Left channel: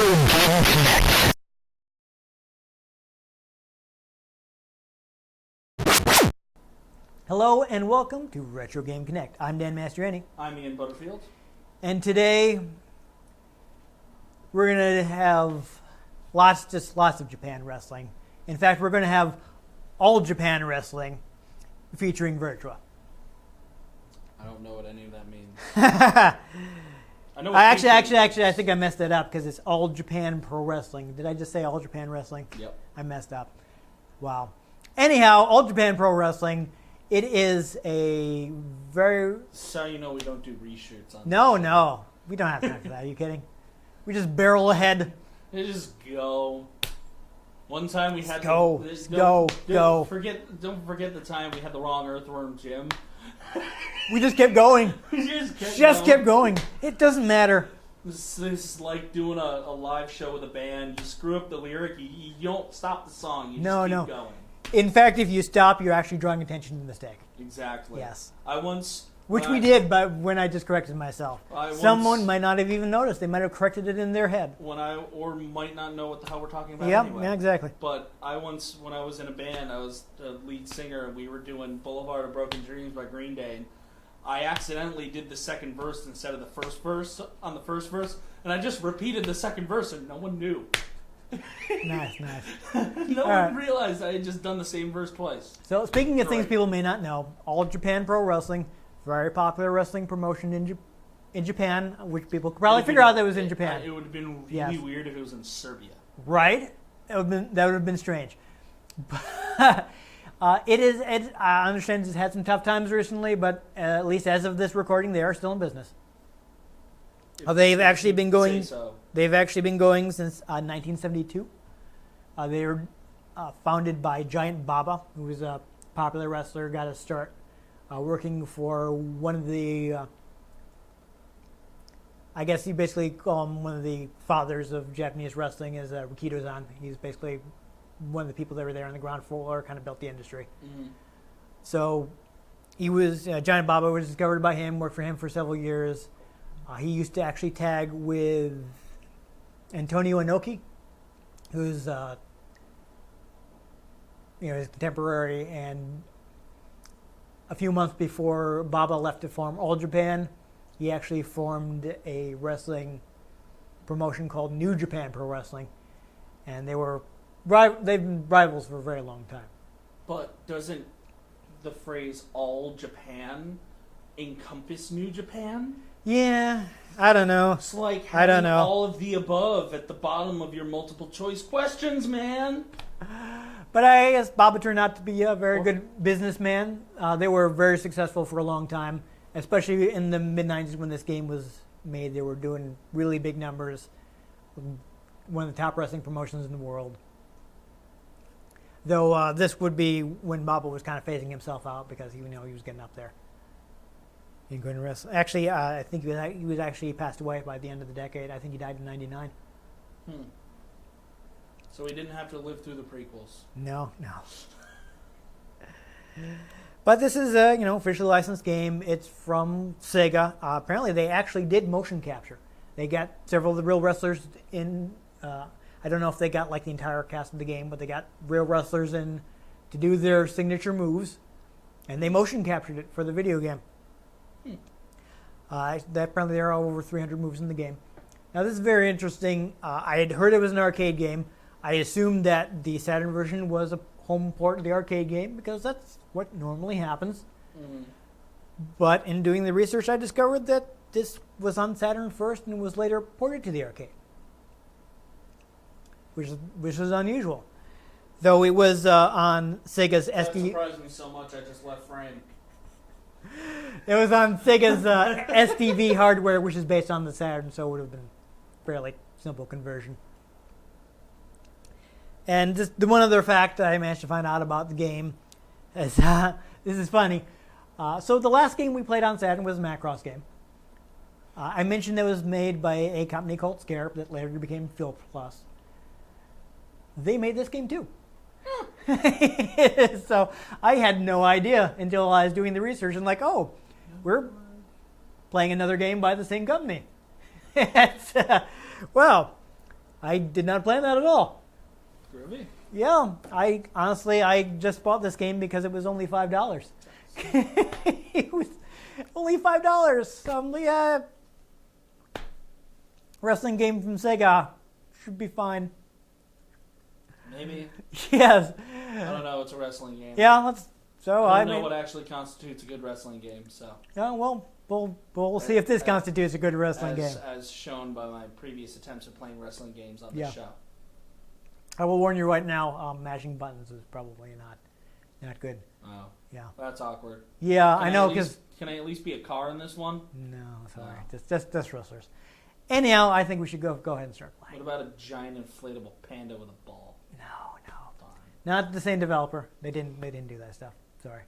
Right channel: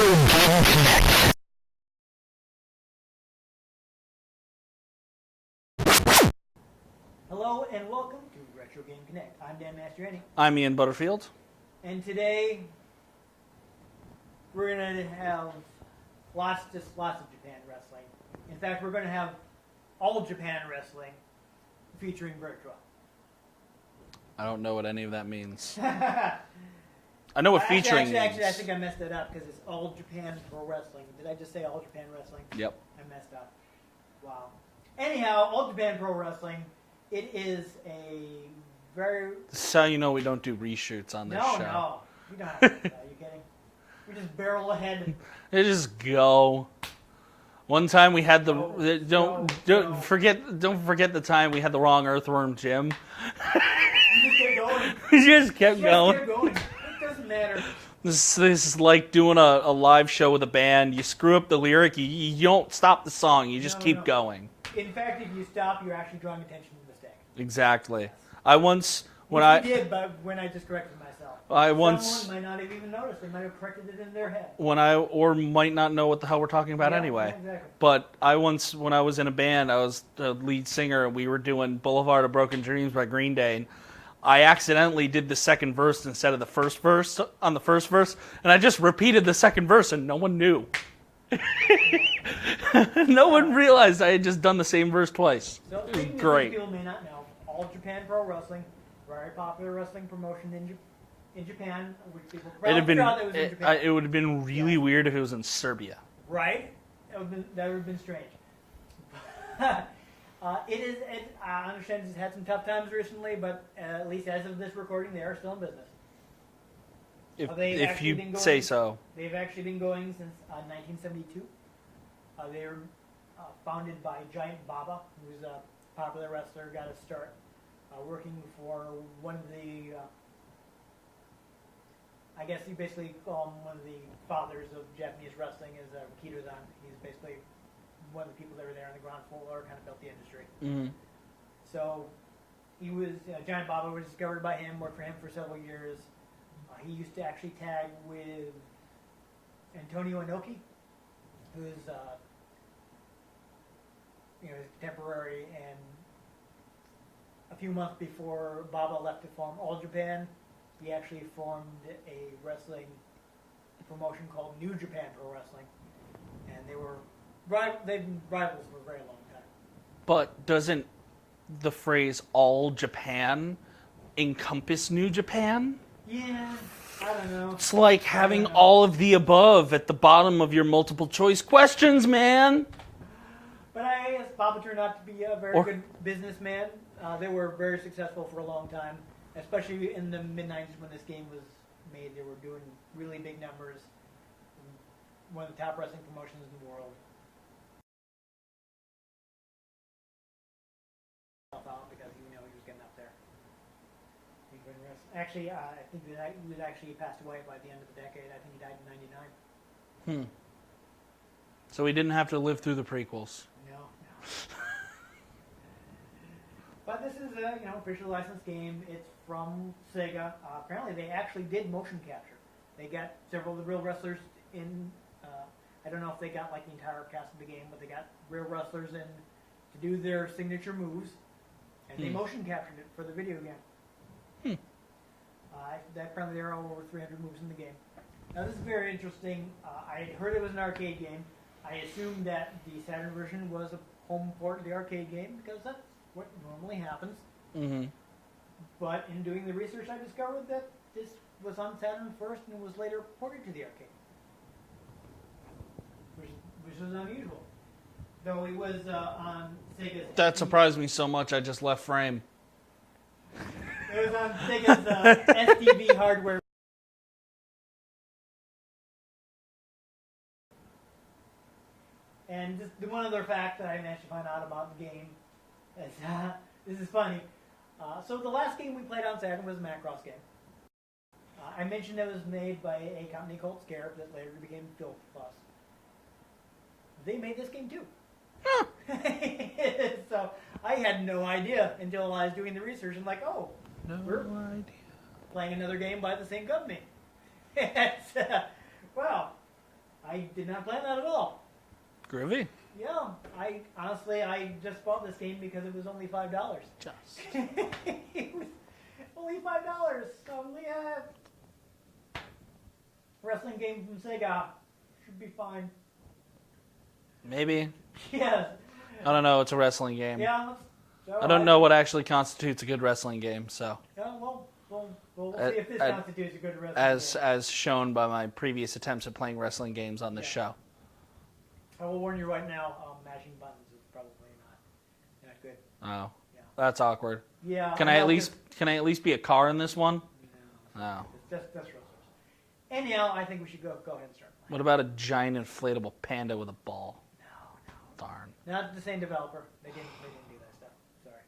Game Connect. Hello and welcome to Retro Game Connect. I'm Dan Mastriani. I'm Ian Butterfield. And today we're going to have lots of Japan wrestling. In fact, we're going to have all Japan wrestling featuring Virtua. I don't know what any of that means. I know what actually, I think I messed it up because it's All Japan Pro Wrestling. Did I just say All Japan Wrestling? Yep. I messed up. Wow. Anyhow, All Japan Pro Wrestling, it is a very... So you know we don't do reshoots on this No, show. no. We don't have time for that. Are you kidding? We just barrel ahead. They just go. One time we had Go. Don't forget the time we had the wrong Earthworm Jim. We just kept going. We just kept going. It doesn't matter. This is like doing a live show with a band. You screw up the lyric, you don't stop the song. You just keep going. In fact, if you stop, you're actually drawing attention to the mistake. Exactly. Yes. Which we did, but when I just corrected myself. Someone might not have even noticed. They might have corrected it in their head. Or might not know what the hell we're talking about anyway. Yeah, exactly. But when I was in a band, I was the lead singer, and we were doing Boulevard of Broken Dreams by Green Day, and I accidentally did the second verse instead of the first verse on the first verse, and I just repeated the second verse, and no one knew. Nice. No one realized I had just done the same verse twice. So speaking of things people may not know, All Japan Pro Wrestling, very popular wrestling promotion in Japan, which people could probably figure out that was in Japan. It would have been really weird if it was in Serbia. Right? That would have been strange. I understand it's had some tough times recently, but at least as of this recording, they are still in business. They've actually been going since 1972. They were founded by Giant Baba, who was a popular wrestler, got a start working for one of the, I guess you basically call him one of the fathers of Japanese wrestling, is Rikito-san. He's basically one of the people that were there on the ground floor, kind of built the industry. Mm-hmm. So he was, Giant Baba was discovered by him, worked for him for several years. He used to actually tag with Antonio Inoki, who's his contemporary, and a few months before Baba left to form All Japan, he actually formed a wrestling promotion called New Japan Pro Wrestling, and they've been rivals for a very long time. But doesn't the phrase All Japan encompass New Japan? Yeah, I don't know. It's like having all of the above at the bottom of your multiple choice questions, man. But I guess Baba turned out to be a very good businessman. They were very successful for a long time, especially in the mid-90s when this game was made. They were doing really big numbers. One of the top wrestling promotions in the world. Though this would be when Baba was kind of phasing himself out because he was getting up there. He couldn't wrestle. Actually, I think he was actually passed away by the end of the decade. I think he died in '99. So he didn't have to live through the prequels. No. But this is a officially licensed game. It's from Sega. Apparently, they actually did motion capture. They got several of the real wrestlers in. I don't know if they got like the entire cast of the game, but they got real wrestlers in to do their signature moves, and they motion captured it for the video game. Apparently there are over 300 moves in the game. Now this is very interesting. I had heard it was an arcade game. I assumed that the Saturn version was a home port of the arcade game because that's what normally happens. Mm-hmm. But in doing the research, I discovered that this was on Saturn first and was later ported to the arcade, which was unusual. Though it was on Sega's That surprised me so much I just left frame. It was on Sega's SDV hardware, which is based on the Saturn, so it would have been a fairly simple conversion. And just the one other fact that I managed to find out about the game is, this is funny. So the last game we played on Saturn was a Macross game. I mentioned it was made by a company called Scare that later became Phil Plus. They made this game too. So I had no idea until I was doing the research and we're playing another game by the same company. Well, I did not plan that at all. Groovy. Yeah, I just bought this game because it was only $5. It was only $5. Yeah, wrestling game from Sega should be fine. Maybe. Yes. I don't know. It's a wrestling game. Yeah, so I don't know what actually constitutes a good wrestling game. So. Yeah, well, we'll see if this constitutes a good wrestling game. As shown by my previous attempts at playing wrestling games on this show. I will warn you right now, mashing buttons is probably not good. Oh. Yeah. That's awkward. Yeah, Can I at least be a car in this one? No, it's just wrestlers. Anyhow, I think we should go ahead and start playing. What about a giant inflatable panda with a ball? No. Darn. Not the same developer. They didn't do that stuff. Sorry.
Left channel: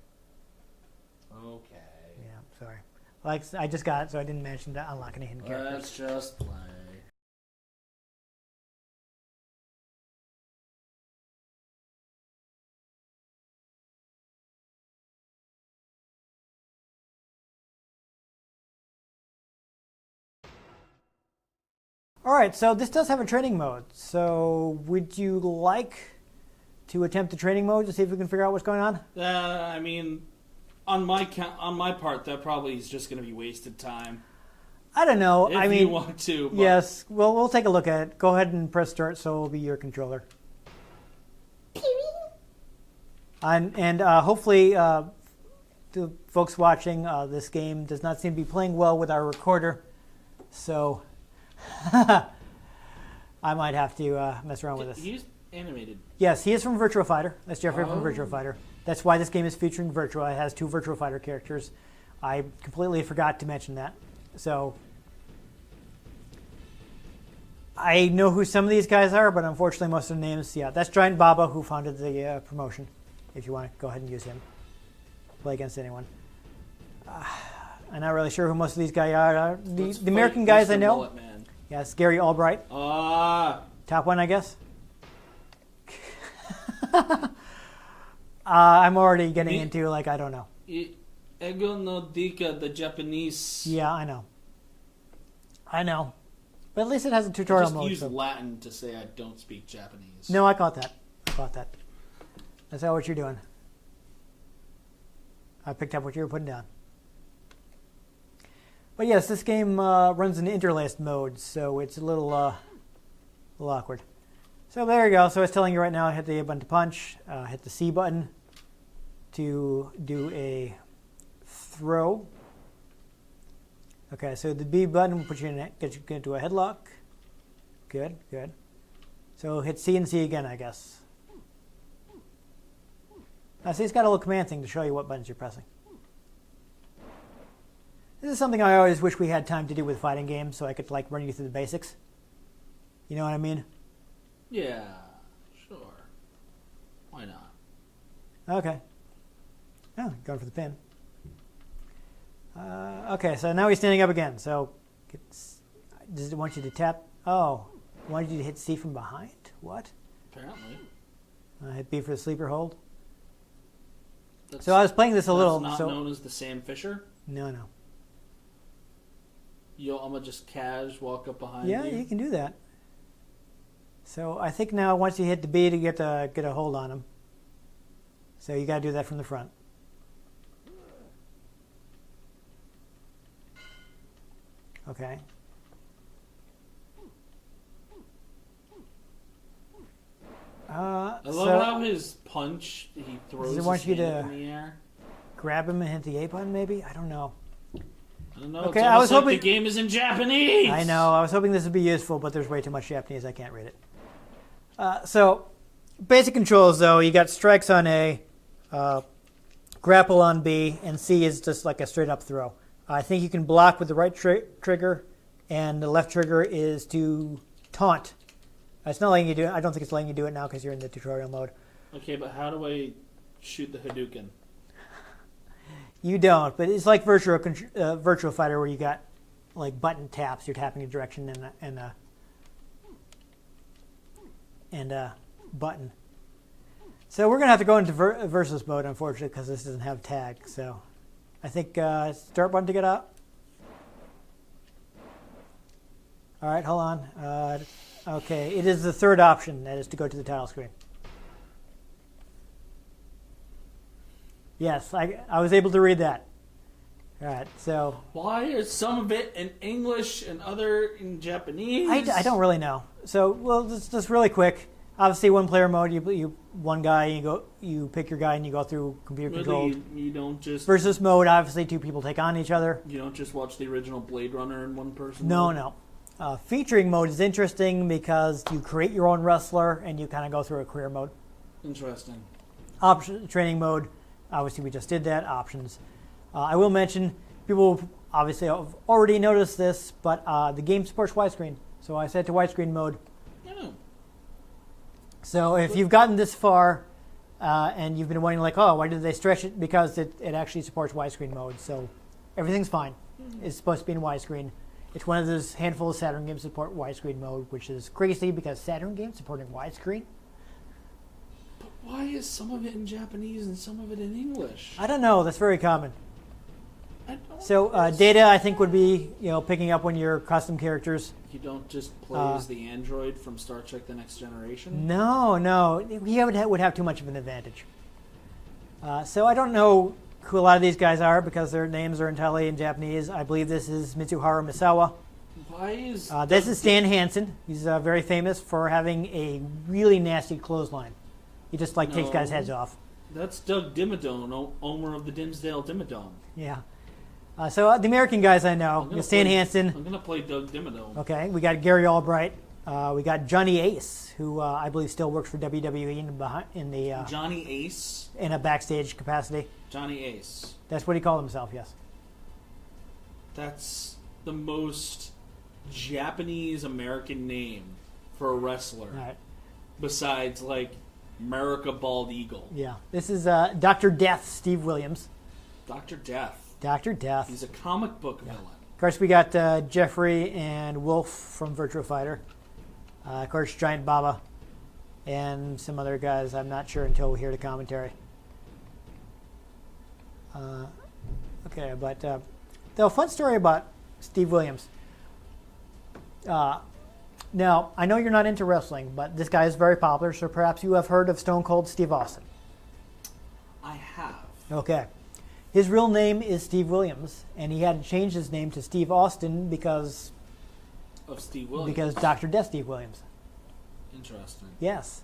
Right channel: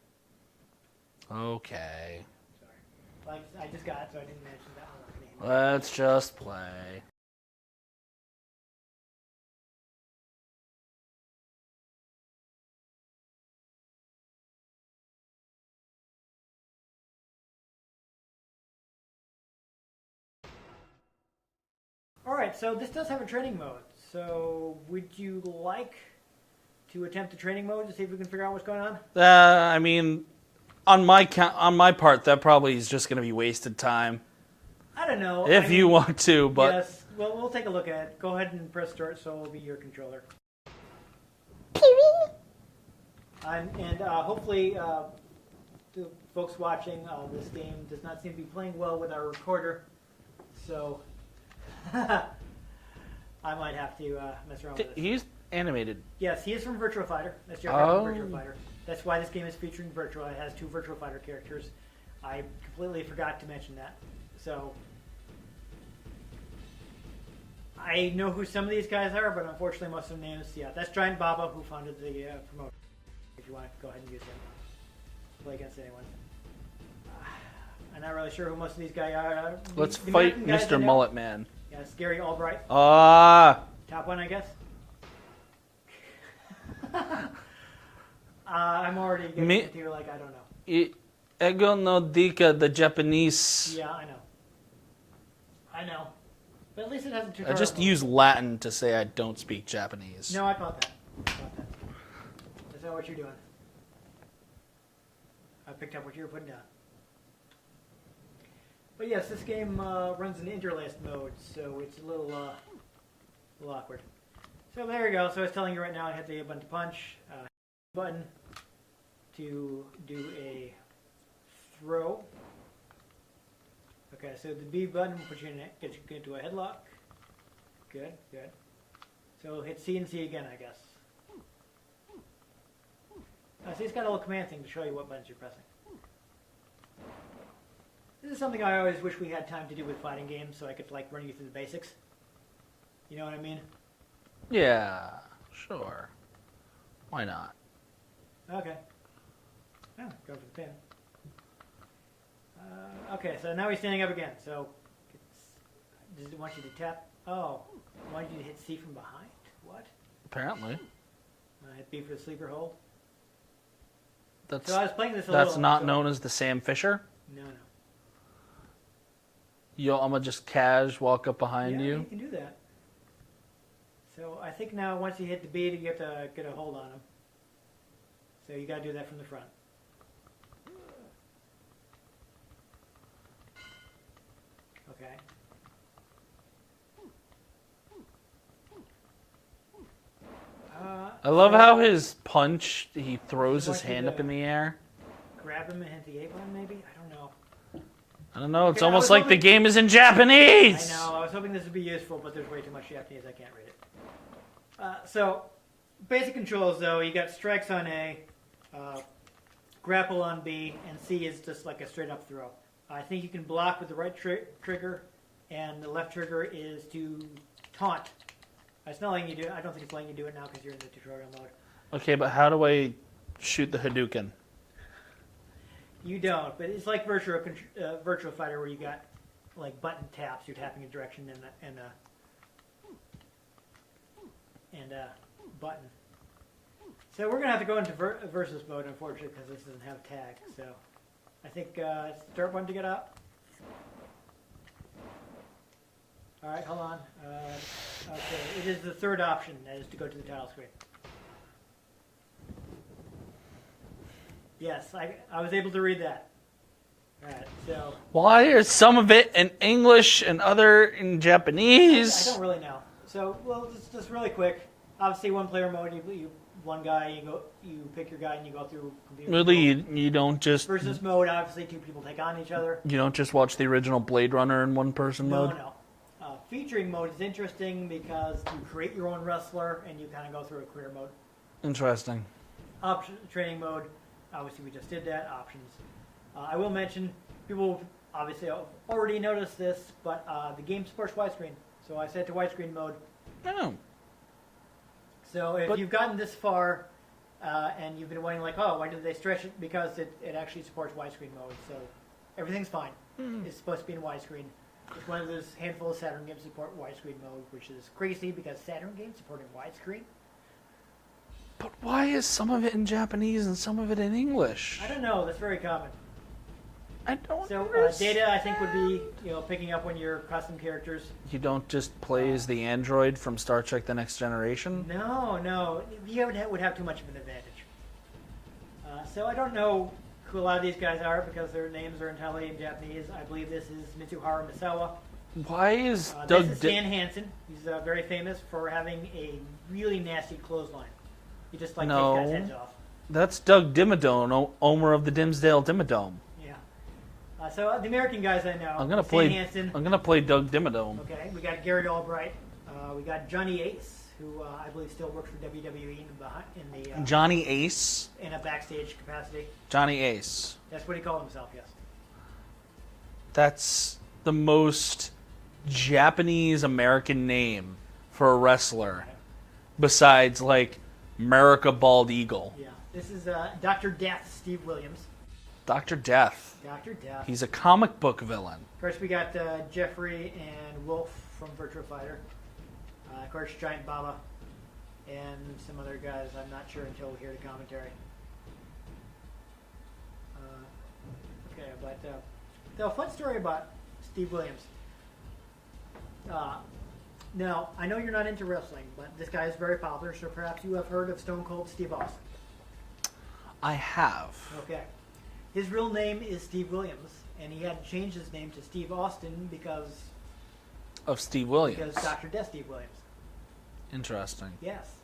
Okay. Yeah, sorry. Like I just got it, so I didn't mention to unlock any hidden Let's just play. All right, so this does have a training mode. So would you like to attempt the training mode to see if we can figure out what's going on? I mean, on my part, that probably is just going to be wasted time. I don't know. If you want to, but yes. Well, we'll take a look at it. Go ahead and press start, so it'll be your controller. And hopefully, the folks watching this game does not seem to be playing well with our recorder, so I might have to mess around with this. He's animated. Yes, he is from Virtua Fighter. That's Jeffrey from Virtua Fighter. That's why this game is featuring Virtua. It has 2 Virtua Fighter characters. I completely forgot to mention that. So I know who some of these guys are, but unfortunately most of the names, that's Giant Baba, who founded the promotion. If you want to go ahead and use him. Play against anyone. I'm not really sure who most of these guys are. Let's the American guys Mr. I know. Mullet Man. Yes, Gary Albright. Ah. Top one, I guess. I'm already getting into, like, I don't know. Ego no dika, the Japanese. Yeah, I know. But at least it has a tutorial I just mode, use so. Latin to say I don't speak Japanese. No, I caught that. That's not what you're doing. I picked up what you were putting down. But yes, this game runs in interlaced mode, so it's a little awkward. So there you go. So it's telling you right now, hit the A button to punch, hit the C button to do a throw. Okay, so the B button will put you in, get you into a headlock. Good. So hit C and C again, I guess. Now, see, it's got a little command thing to show you what buttons you're pressing. This is something I always wish we had time to do with fighting games, so I could like run you through the basics. You know what I mean? Yeah, sure. Why not? Okay. Oh, going for the pin. Okay, so now he's standing up again. So, does it want you to tap? Oh, it wanted you to hit C from behind? What? Apparently. Hit B for the sleeper hold. That's, so I was playing this a little. That's not known as the Sam Fisher? No. I'm going to just walk up behind you? Yeah, you can do that. So I think now once you hit the B to get a hold on him. So you got to do that from the front. Okay. I love how his punch, he throws his hand up in the air. Grab him and hit the A button, maybe? I don't know. Okay, it's almost like the game is in Japanese! I know. I was hoping this would be useful, but there's way too much Japanese. I can't read it. So, basic controls, though. You got strikes on A, grapple on B, and C is just like a straight-up throw. I think you can block with the right trigger, and the left trigger is to taunt. It's not letting you do it. I don't think it's letting you do it now because you're in the tutorial mode. Okay, but how do I shoot the Hadouken? You don't, but it's like Virtua Fighter where you got like button taps. You're tapping a direction and a button. So we're gonna have to go into versus mode, unfortunately, because this doesn't have tag. So I think start button to get up. All right, hold on. Okay, it is the third option. That is to go to the title screen. Yes, I was able to read that. All right, so Why is some of it in English and other in Japanese? I don't really know. So, well, just really quick. Obviously, one player mode. You one guy. You pick your guy and you go through computer Really, control. you don't just Versus mode. Obviously, two people take on each other. you don't just watch the original Blade Runner in one person mode? No. Featuring mode is interesting because you create your own wrestler and you kind of go through a career mode. Interesting. Training mode. Obviously, we just did that. Options. I will mention, people obviously have already noticed this, but the game supports widescreen. So I set to widescreen mode. Oh. So if you've gotten this far and you've been wondering, like, oh, why did they stretch it? Because it actually supports widescreen mode. So everything's fine. It's supposed to be in widescreen. It's one of those handful of Saturn games that support widescreen mode, which is crazy because Saturn games supporting widescreen. But why is some of it in Japanese and some of it in English? I don't know. That's very common. I don't So data, I think, would be picking up when your custom characters. You don't just play as the android from Star Trek: The Next Generation? No, he would have too much of an advantage. So I don't know who a lot of these guys are because their names are entirely in Japanese. I believe this is Mitsuharu Misawa. Why is This is Stan Hansen. He's very famous for having a really nasty clothesline. He just takes guys' heads off. That's Doug Dimmadome, owner of the Dimsdale Dimmadome. Yeah. So the American guys I know, Stan Hansen. I'm gonna play Doug Dimmadome. Okay, we got Gary Albright. We got Johnny Ace, who I believe still works for WWE in the Johnny Ace. In a backstage capacity. Johnny Ace. That's what he called himself. Yes. That's the most Japanese American name for a wrestler, Right. besides like America Bald Eagle. Yeah. This is Dr. Death, Steve Williams. Dr. Death. Dr. Death. He's a comic book villain. Of course, we got Jeffrey and Wolf from Virtua Fighter. Of course, Giant Baba. And some other guys I'm not sure until we hear the commentary. Okay, but the fun story about Steve Williams. Now, I know you're not into wrestling, but this guy is very popular, so perhaps you have heard of Stone Cold Steve Austin. I have. Okay. His real name is Steve Williams, and he had to change his name to Steve Austin because Of Steve Williams. Because Dr. Death Steve Williams. Interesting. Yes.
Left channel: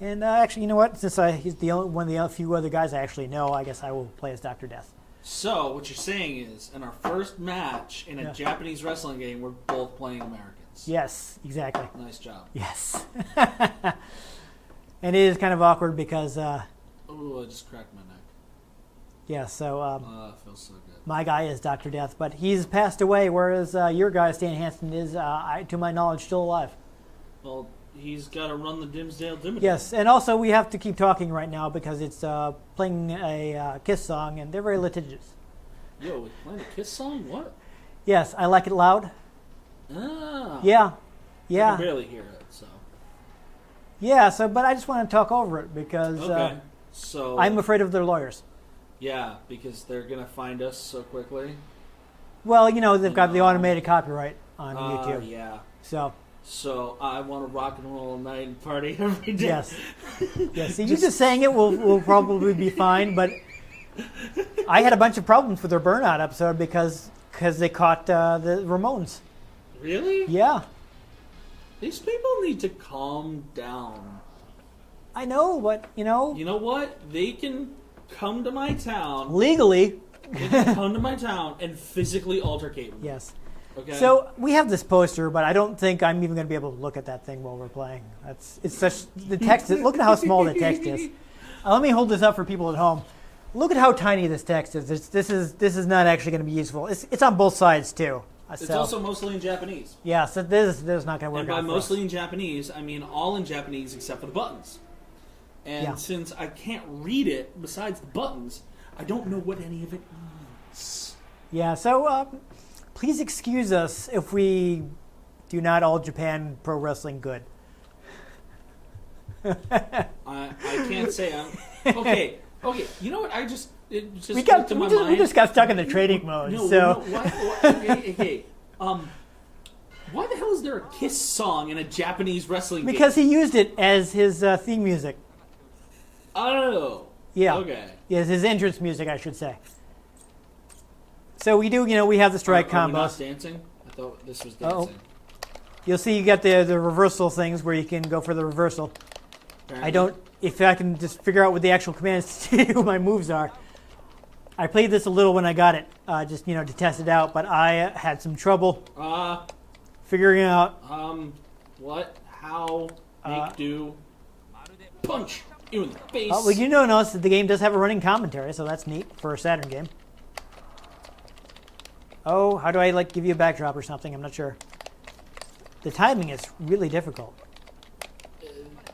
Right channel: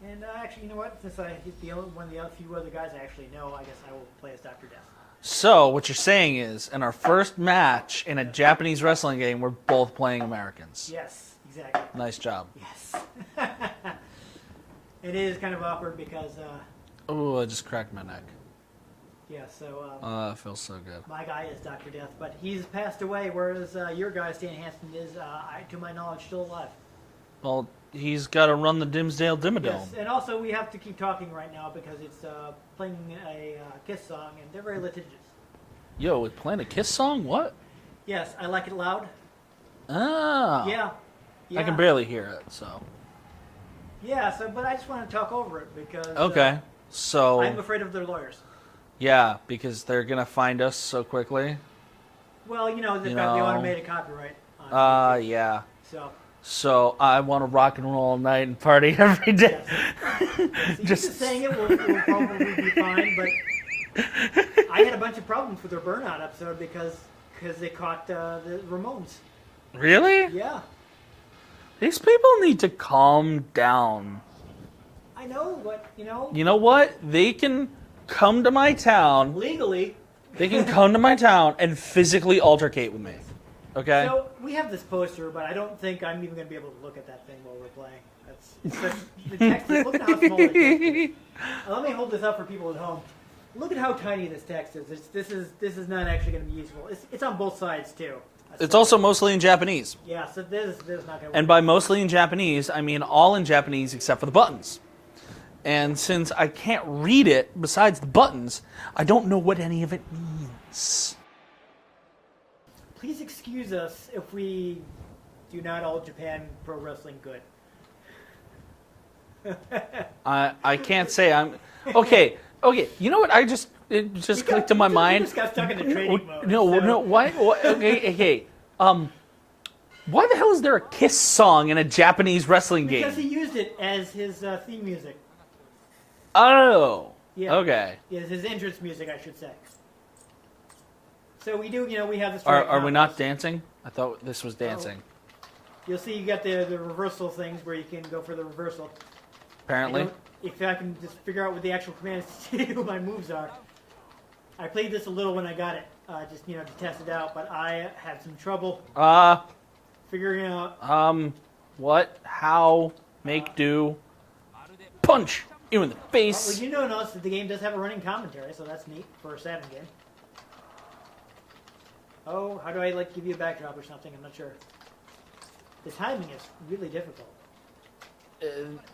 And actually, you know what? Since he's one of the few other guys I actually know, I guess I will play as Dr. Death. So, what you're saying is, in our first match in a Japanese wrestling game, we're both playing Americans. Yes, exactly. Nice job. Yes. And it is kind of awkward because, Oh, I just cracked my neck. yeah, so It feels so good. my guy is Dr. Death, but he's passed away, whereas your guy, Stan Hansen, is, to my knowledge, still alive. Well, he's got to run the Dimsdale Dimmadome. Yes, and also we have to keep talking right now because it's playing a Kiss song, and they're very litigious. Yo, it's playing a Kiss song? What? Yes, I like it loud. Ah. Yeah. I can barely hear it, so. Yeah, but I just want to talk over it because Okay. So. I'm afraid of their lawyers. Yeah, because they're going to find us so quickly. Well, they've got the automated copyright on YouTube. Yeah. So I want to rock and roll all night and party every day. yes. See, you just saying it will probably be fine, but I had a bunch of problems with their Burnout episode because they caught the Ramones. Really? Yeah. These people need to calm down. I know, but You know what? They can come to my town. legally. They can come to my town and physically altercate with me. Yes. Okay? So we have this poster, but I don't think I'm even going to be able to look at that thing while we're playing. It's such the text. Look at how small the text is. Let me hold this up for people at home. Look at how tiny this text is. This is not actually going to be useful. It's on both sides too. it's So, also mostly in Japanese. yeah. So this is not going to work. And by out for us. mostly in Japanese, I mean all in Japanese except for the buttons. And Yeah. since I can't read it besides the buttons, I don't know what any of it means. Yeah. So please excuse us if we do not all Japan pro wrestling good. I can't say I'm okay. You know what? It just clicked to my mind. We just got stuck in the trading mode. No, so. no. Why? Okay. Why the hell is there a Kiss song in a Japanese wrestling Because game? he used it as his theme music. Oh. Yeah. Okay. Yes, his entrance music, I should say. So we do, we have the strike combos. Are we not dancing? I thought this was dancing. You'll see you got the reversal things where you can go for the reversal. Apparently. If I can just figure out what the actual commands to do my moves are. I played this a little when I got it, just, to test it out, but I had some trouble figuring out. What? How? Make do? Punch you in the face. Well, you notice that the game does have a running commentary, so that's neat for a Saturn game. Oh, how do I give you a backdrop or something? I'm not sure. The timing is really difficult.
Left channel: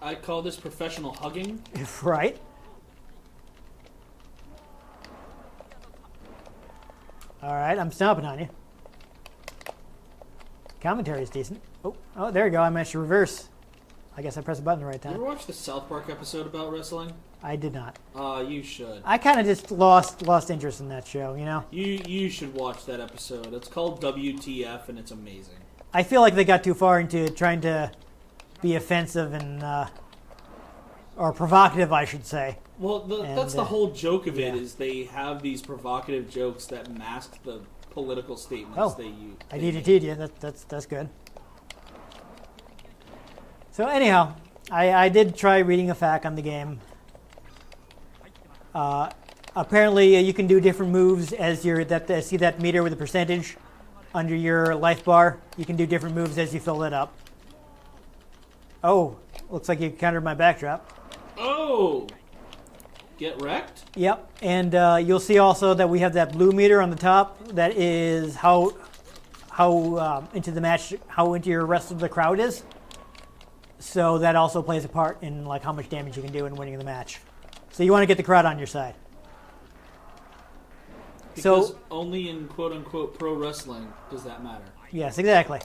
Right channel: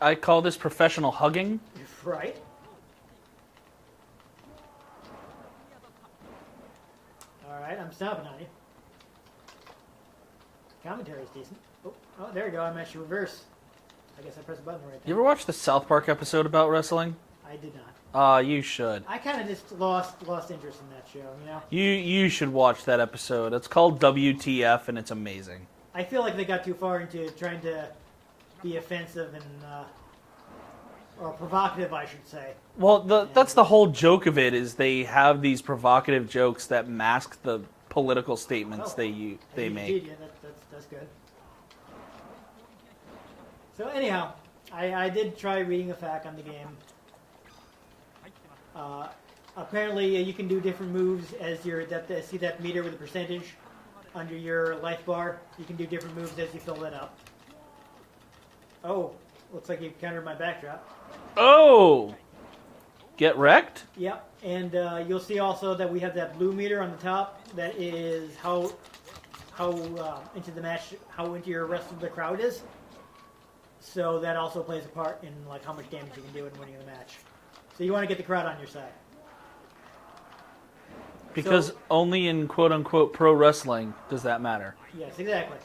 I call this professional hugging. Right? All right, I'm stomping on you. Commentary is decent. Oh, there you go. I managed to reverse. I guess I pressed the button the right time. You ever watch the South Park episode about wrestling? I did not. You should. I kind of just lost interest in that show, You should watch that episode. It's called WTF, and it's amazing. I feel like they got too far into trying to be offensive and or provocative, I should say. Well, that's the whole joke of it, is they have these provocative jokes that mask the political statements they I make. DDT'd you. That's good. So anyhow, I did try reading a fact on the game. Apparently, you can do different moves as see that meter with the percentage under your life bar. You can do different moves as you fill it up. Oh, looks like you countered my backdrop. Oh! Get wrecked? Yep, and you'll see also that we have that blue meter on the top. That is how into the match, how into your rest of the crowd is. So that also plays a part in how much damage you can do in winning the match. So you want to get the crowd on your side. Because only in quote-unquote pro wrestling does that matter. Yes, exactly.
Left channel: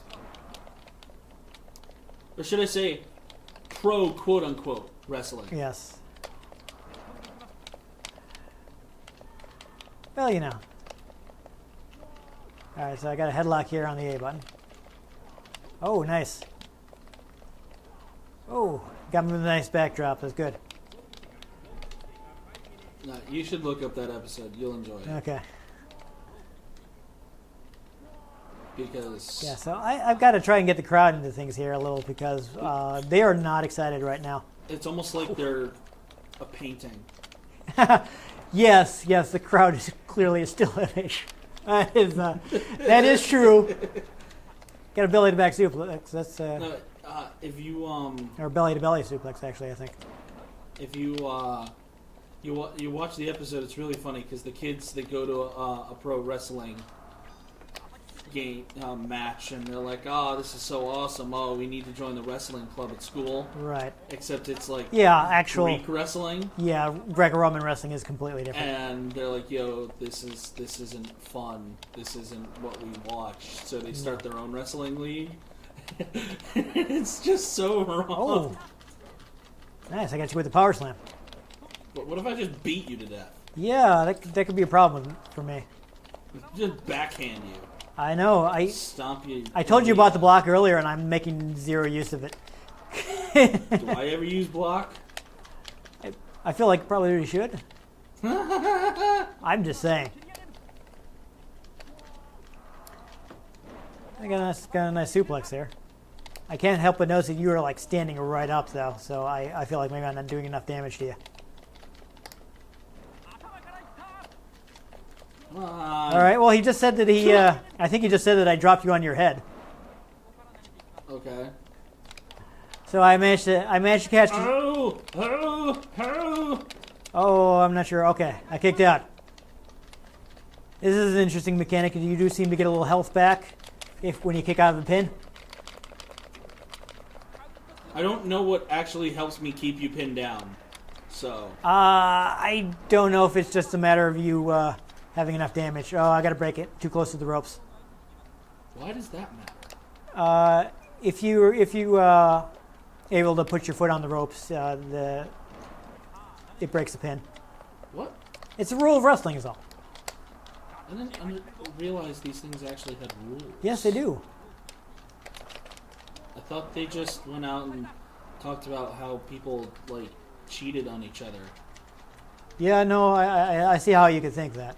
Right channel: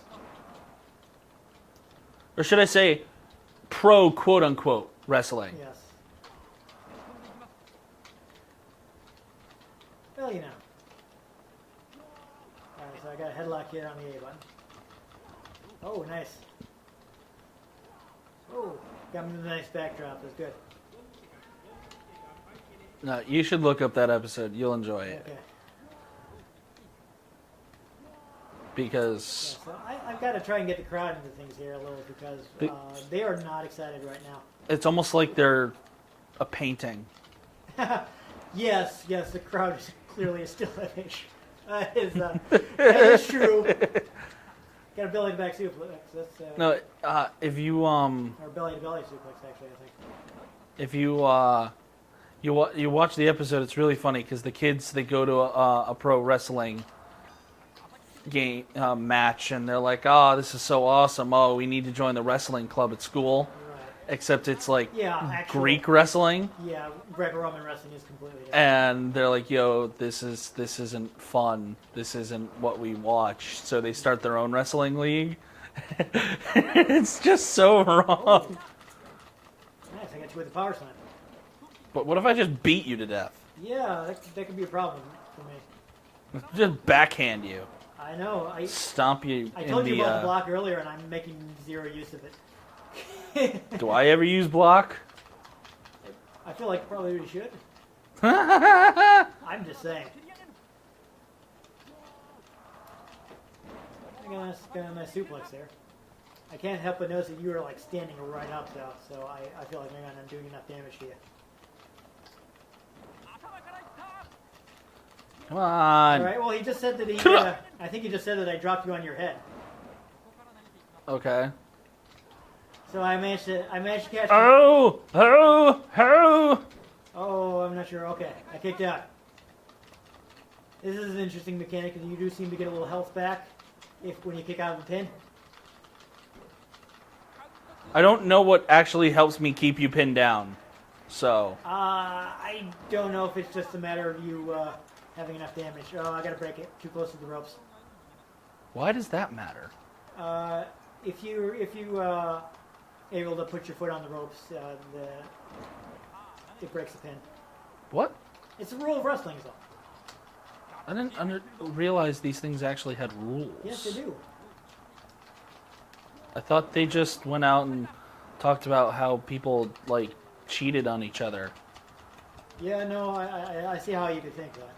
Or should I say pro quote-unquote wrestling? Yes. Well, Alright, so I got a headlock here on the A button. Oh, nice. Oh, got me with a nice backdrop. That's good. No, you should look up that episode. You'll enjoy it. Okay. Because... Yeah, so I've got to try and get the crowd into things here a little because they are not excited right now. It's almost like they're a painting. Yes, the crowd is clearly a still image. That is true. Got a belly to back suplex. That's No, if you or belly to belly suplex, actually, I think. if you you watch the episode, it's really funny because the kids, they go to a pro wrestling game match, and they're like, "Oh, this is so awesome! Oh, we need to join the wrestling club at school." Right. Except it's like actual Greek wrestling. Yeah, Greco-Roman wrestling is completely different. And they're like, "Yo, this isn't fun. This isn't what we watch." So they start their own wrestling league. It's just so wrong. Oh. Nice, I got you with the power slam. But what if I just beat you to death? Yeah, that could be a problem for me. Just backhand you. I know. Stomp you. I told you about the block earlier, and I'm making zero use of it. Do I ever use block? I feel like probably we should. I'm just saying. I got a nice suplex there. I can't help but notice that you were standing right up though, so I feel like maybe I'm not doing enough damage to you. Come on. All right. Well, he just said that I think he just said that I dropped you on your head. Okay. So I managed to catch you. Oh! Oh, I'm not sure. Okay, I kicked out. This is an interesting mechanic, and you do seem to get a little health back when you kick out of a pin. I don't know what actually helps me keep you pinned down. So. I don't know if it's just a matter of you having enough damage. Oh, I gotta break it. Too close to the ropes. Why does that matter? If you able to put your foot on the ropes, it breaks the pin. What? It's a rule of wrestling, is all. I didn't realize these things actually had rules. Yes, they do. I thought they just went out and talked about how people, like, cheated on each other. Yeah, no, I see how you could think that.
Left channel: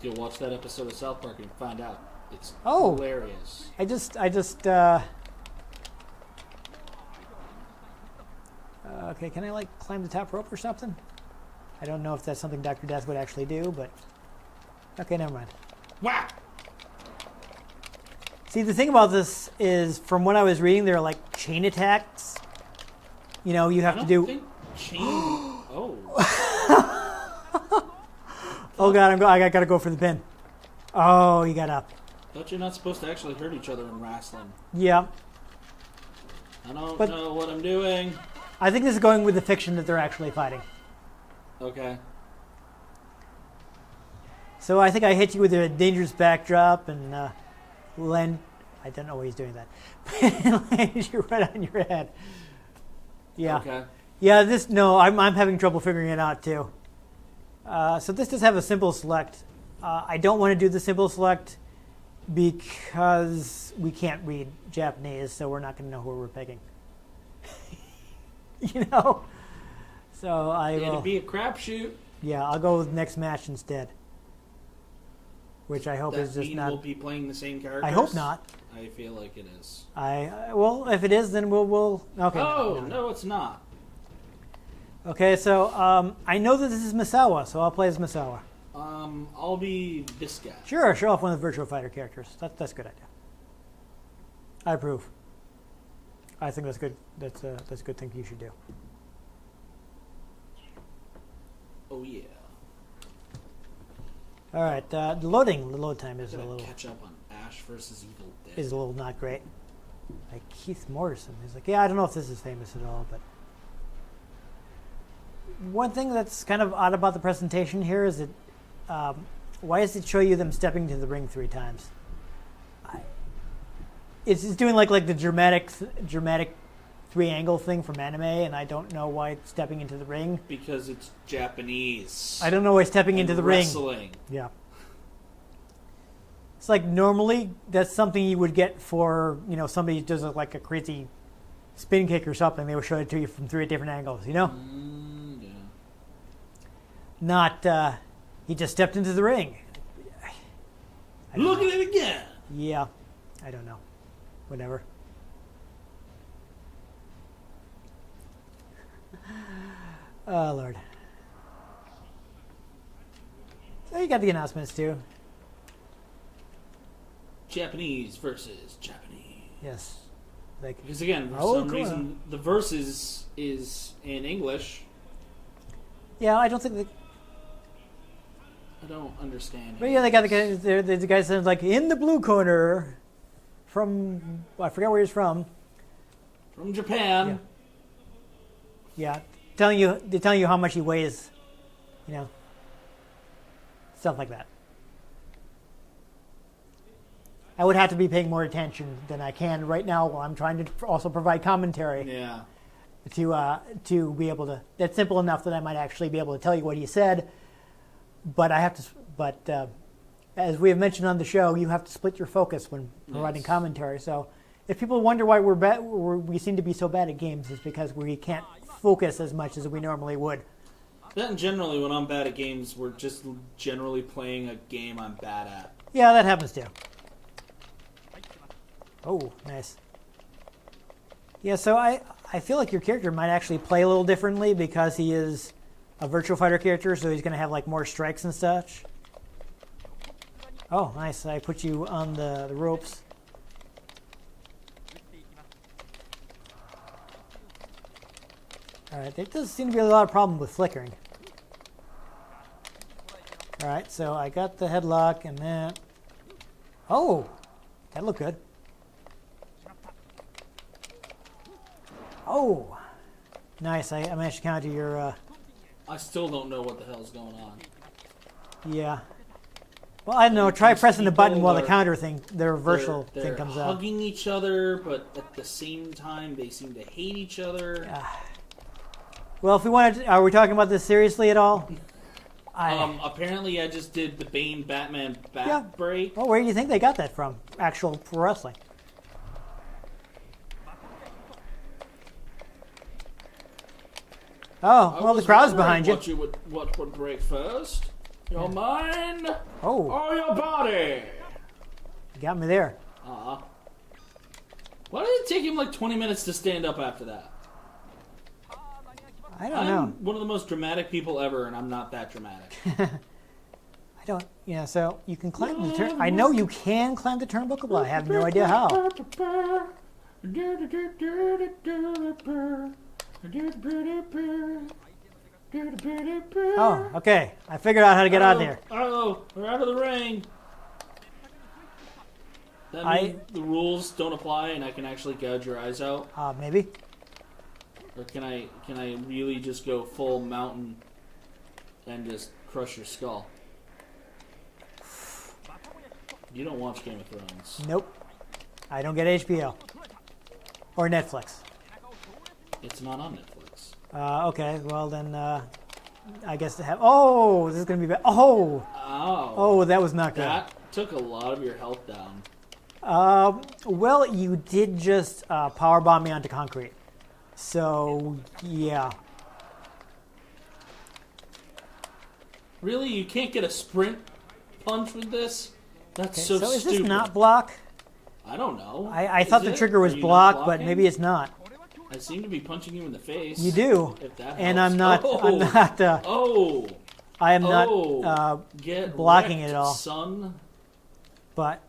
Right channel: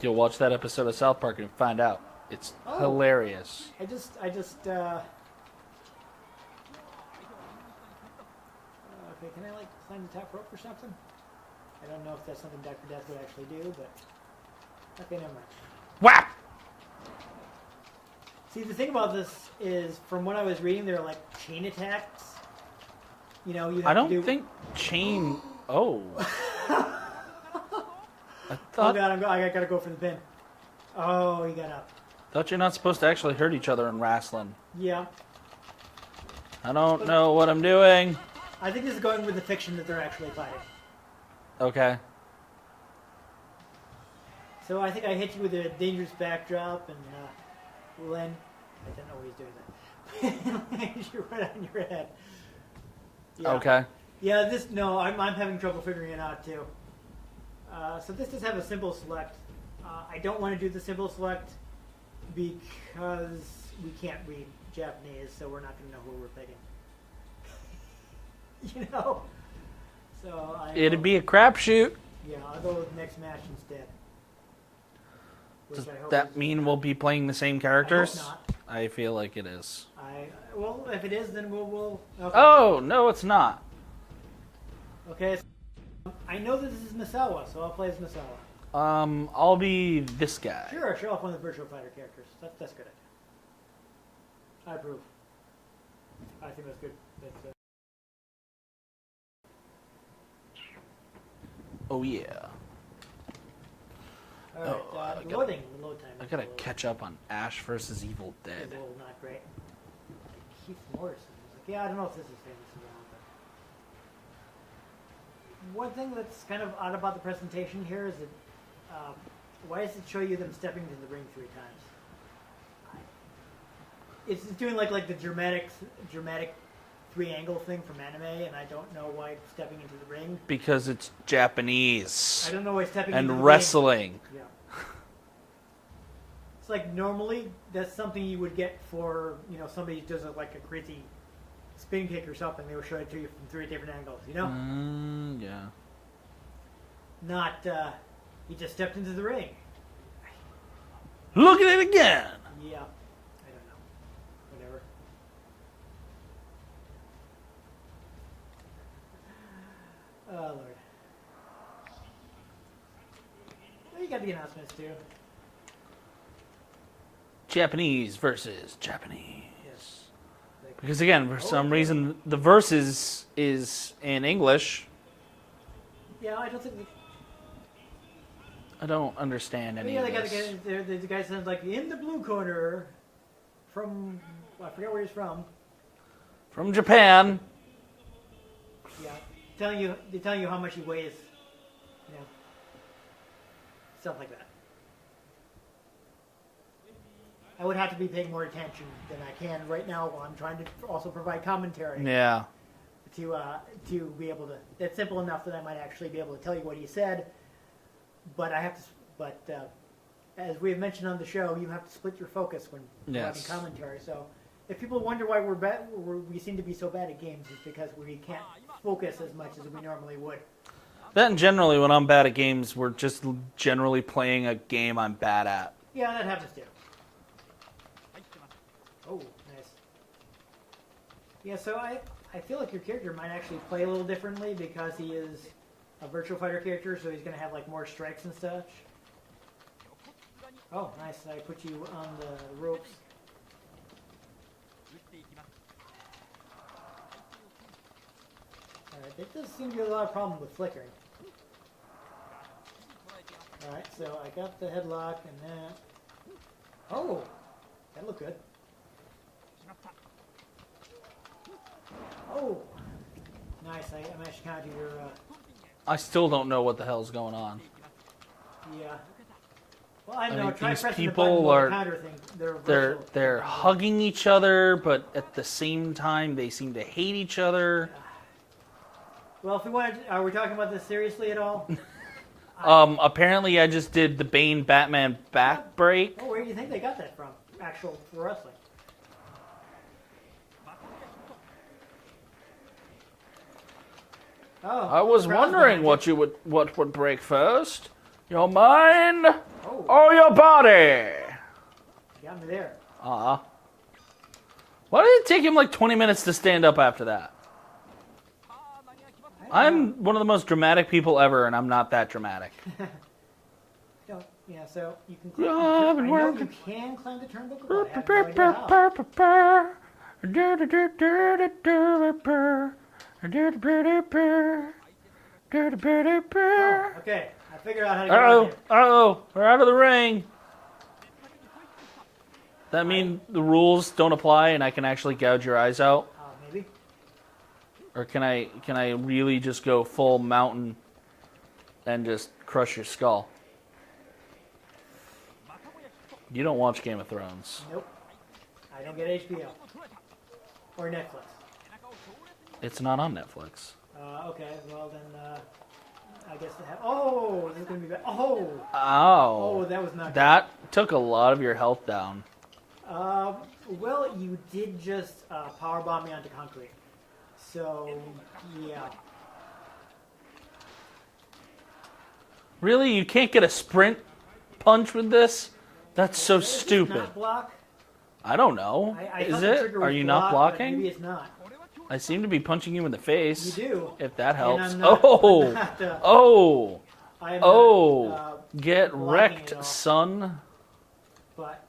You'll watch that episode of South Park and find out. It's Oh. hilarious. I just okay, can I, like, climb the top rope or something? I don't know if that's something Dr. Death would actually do, but... Okay, never mind. Whap! See, the thing about this is, from what I was reading, there are, like, chain attacks. You know, you have to do... I don't think chain... Oh. Oh, God, I gotta go for the pin. Oh, he got up. Thought you're not supposed to actually hurt each other in wrestling. Yeah. I don't know what I'm doing. I think this is going with the fiction that they're actually fighting. Okay. So I think I hit you with a dangerous backdrop and land. I don't know why he's doing that. Lands you right on your head. Yeah. Okay. Yeah. This I'm having trouble figuring it out too. So this does have a simple select. I don't want to do the simple select because we can't read Japanese, so we're not going to know who we're picking. You know. So It'd be a crapshoot. Yeah, I'll go with next match instead. Which I hope That is just mean not, we'll be playing the same I characters? hope not. I feel like it is. Well, if it is, then we'll. Okay. Oh, no, it's not. Okay, so I know that this is Misawa, so I'll play as Misawa. I'll be this guy. Sure, show off one of the Virtua Fighter characters. That's a good idea. I approve. I think that's good. That's a good thing you should do. Oh, yeah. All right, the load time I is gotta catch up on Ash versus Evil Dead. is a little not great. Like Keith Morrison, he's like, yeah, I don't know if this is famous at all, but one thing that's kind of odd about the presentation here is that why does it show you them stepping to the ring 3 times? It's doing like the dramatic 3-angle thing from anime, and I don't know why it's stepping into the ring. Because it's Japanese. I don't know why it's stepping into the wrestling. ring. Yeah. It's like normally that's something you would get for, somebody who does like a crazy spin kick or something. They would show it to you from 3 different angles, Yeah. Not, he just stepped into the ring. Look at it again. Yeah. I don't know. Whatever. Oh, Lord. So you got the announcements, too. Japanese versus Japanese. Yes. Because again, for some reason, the versus is in English. Yeah, I don't think they... I don't understand. But yeah, they got the guy says like in the blue corner, from I forgot where he's from. From Japan. Yeah, they're telling you how much he weighs, stuff like that. I would have to be paying more attention than I can right now while I'm trying to also provide commentary. Yeah. To be able to. That's simple enough that I might actually be able to tell you what he said. But I have to. But as we have mentioned on the show, you have to split your focus when providing commentary. So if people wonder why we seem to be so bad at games, it's because we can't focus as much as we normally would. That and generally, when I'm bad at games, we're just generally playing a game I'm bad at. Yeah, that happens too. Oh, nice. Yeah, so I feel like your character might actually play a little differently because he is a Virtua Fighter character, so he's going to have like more strikes and such. Oh, nice. I put you on the ropes. Alright, there does seem to be a lot of problem with flickering. Alright, so I got the headlock and that. Oh! That looked good. Oh! Nice, I managed to counter your... I still don't know what the hell's going on. Yeah. Well, I don't know. Try pressing the button while the counter thing, the reversal they're thing comes hugging each other, but at the same time, they seem to hate each other. Well, if we want to... Are we talking about this seriously at all? Apparently I just did the Bane Batman back break. Well, where do you think they got that from? Actual pro wrestling. I well, was the crowd's wondering behind you. what would break first. Your mind Oh, or your body? you got me there. Why did it take him like 20 minutes to stand up after that? I don't I'm know. one of the most dramatic people ever, and I'm not that dramatic. I don't. Yeah, so you can climb the turn. I know you can climb the turnbuckle, but I have no idea how. Oh, okay. I figured out how to get out here. Oh, we're out of the ring. That means the rules don't apply, and I can actually gouge your eyes out. Maybe. Or can I really just go full mountain and just crush your skull? You don't watch Game of Thrones. Nope. I don't get HBO or Netflix. It's not on Netflix. Okay. Well then, I guess to have. Oh, this is gonna be bad. Oh. Ow. Oh, that was not good. That took a lot of your health down. Well, you did just powerbomb me onto concrete. So, yeah. Really? You can't get a sprint punch with this? That's so is stupid. this not block? I don't know. I thought the trigger was Are you not block, but blocking? maybe it's not. I seem to be punching you in the face. You do. If that helps. And I'm not. Oh. I'm not, Oh. I am Oh. not Get blocking wrecked, it all. son. But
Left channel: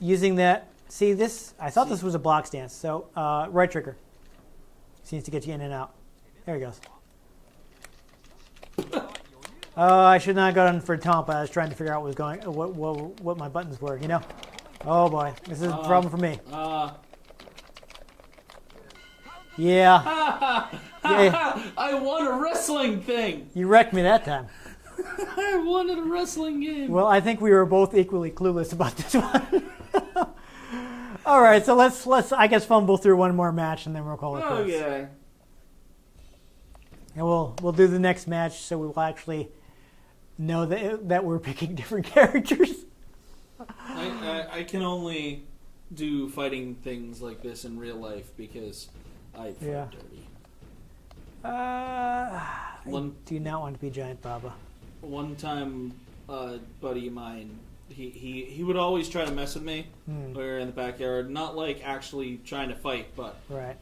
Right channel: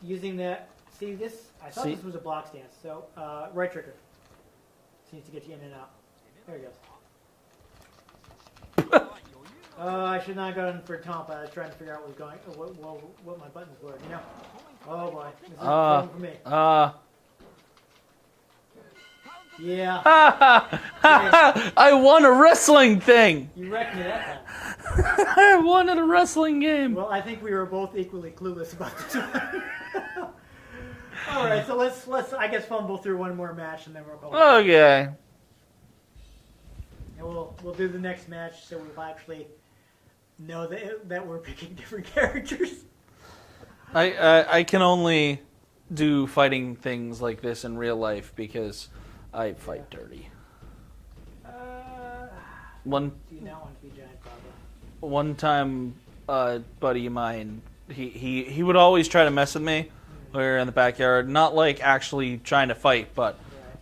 using that, see this? I thought See? this was a block stance. So right trigger seems to get you in and out. There he goes. Oh, I should not have gone for Tomp. I was trying to figure out what my buttons were. You know? Oh boy, this is a problem for me. Yeah. I won a wrestling thing. You wrecked me that time. I won at a wrestling game. Well, I think we were both equally clueless about this one. All right, so let's I guess fumble through one more match and then we'll call it quits. Okay. And we'll do the next match so we will actually know that we're picking different characters. I can only do fighting things like this in real life because I fight dirty. Do you not want to be Giant Baba? One time, a buddy of mine, he would always try to mess with me when we were in the backyard. Not like actually trying to fight, but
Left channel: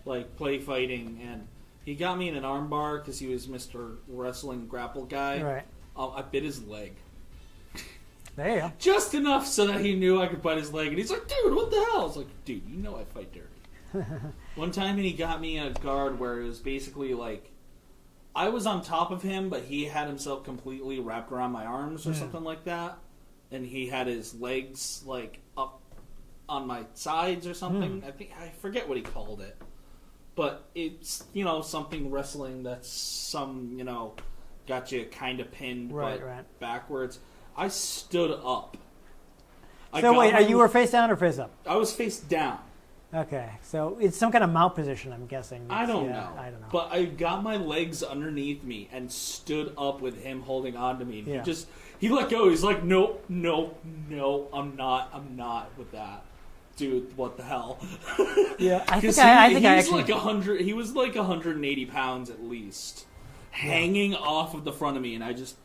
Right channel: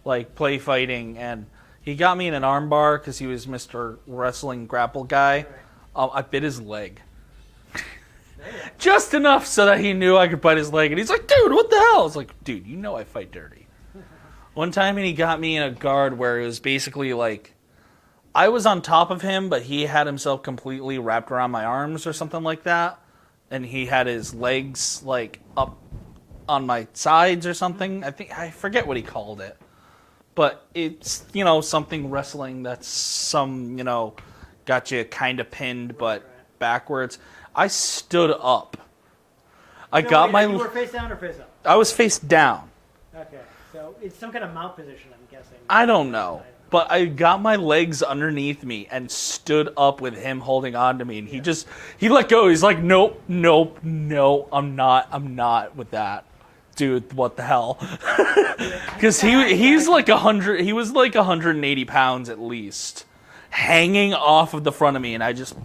like play fighting. And he got me in an arm bar because he was Mr. Wrestling Grapple Guy. Right. I bit his leg. There you go. Just enough so that he knew I could bite his leg. And he's like, dude, what the hell? I was like, dude, you know I fight dirty. One time he got me in a guard where it was basically like, I was on top of him, but he had himself completely wrapped around my arms or something like that. And he had his legs like up on my sides or something. I forget what he called it. But it's, something wrestling that's some, got you kind of pinned, but backwards. I stood up. You were face down or face up? I was face down. Okay, so it's some kind of mount position, I'm guessing. I don't know. But I got my legs underneath me and stood up with him holding on to me. And he let go. He's like, nope, I'm not with that. Dude, what the hell? Because he's like 100, he was like 180 pounds at least, hanging off of the front of me, and I just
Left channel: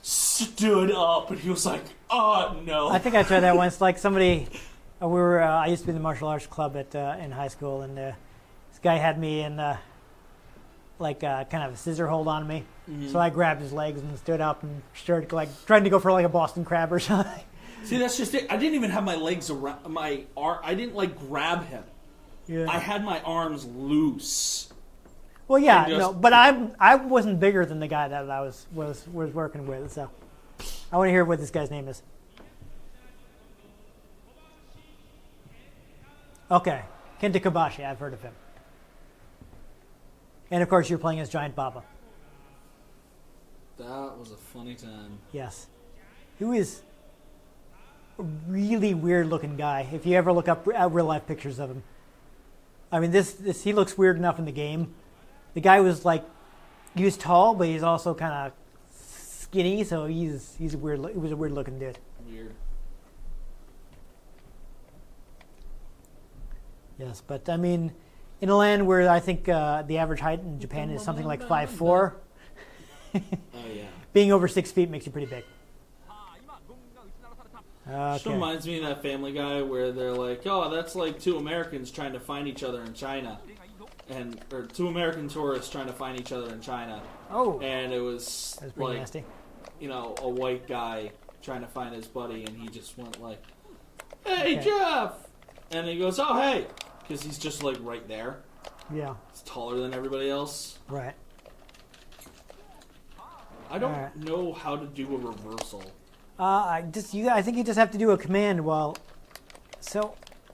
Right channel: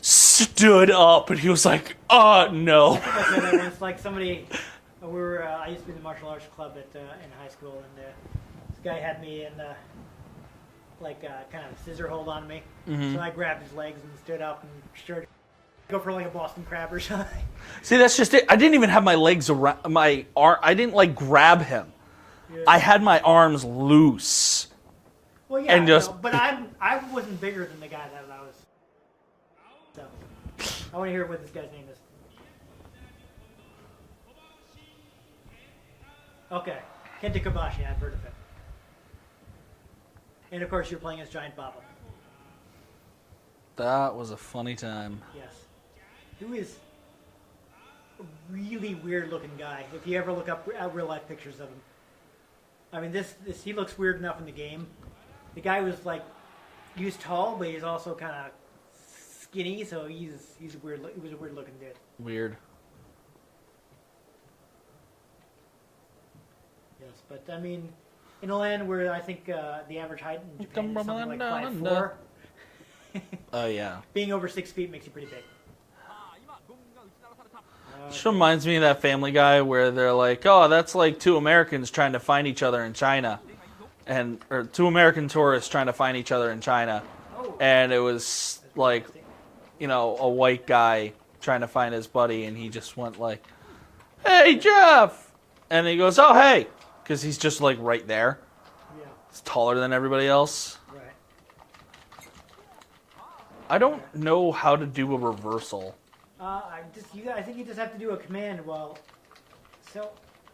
stood up, and he was like, no. I think I tried that once. Like somebody, I used to be in the martial arts club in high school, and this guy had me in kind of a scissor hold on me. So I grabbed his legs and stood up and started trying to go for like a Boston crab or something. See, that's just it. I didn't even have my legs around my arm. I didn't grab him. Yeah. I had my arms loose. Well, yeah, but I wasn't bigger than the guy that I was working with, so I want to hear what this guy's name is. Okay, Kenta Kobashi, I've heard of him. And of course, you're playing as Giant Baba. That was a funny time. Yes. Who is a really weird-looking guy, if you ever look up real-life pictures of him. I mean, he looks weird enough in the game. The guy was he was tall, but he's also kind of skinny, so he was a weird-looking dude. Weird. Yes, but I mean, in a land where I think the average height in Japan is something like 5'4", Oh yeah. being over 6 feet makes you pretty big. Just reminds me of that Family Guy where they're like, "Oh, that's like two Americans trying to find each other in China," or two American tourists trying to find each other in China, Oh, and it was that's pretty like, nasty. a white guy trying to find his buddy, and he just went like, "Hey, Jeff," and he goes, "Oh, hey," because he's just like right there. Yeah, He's taller than everybody else. right. I don't know how to do a reversal. I think you just have to do a command while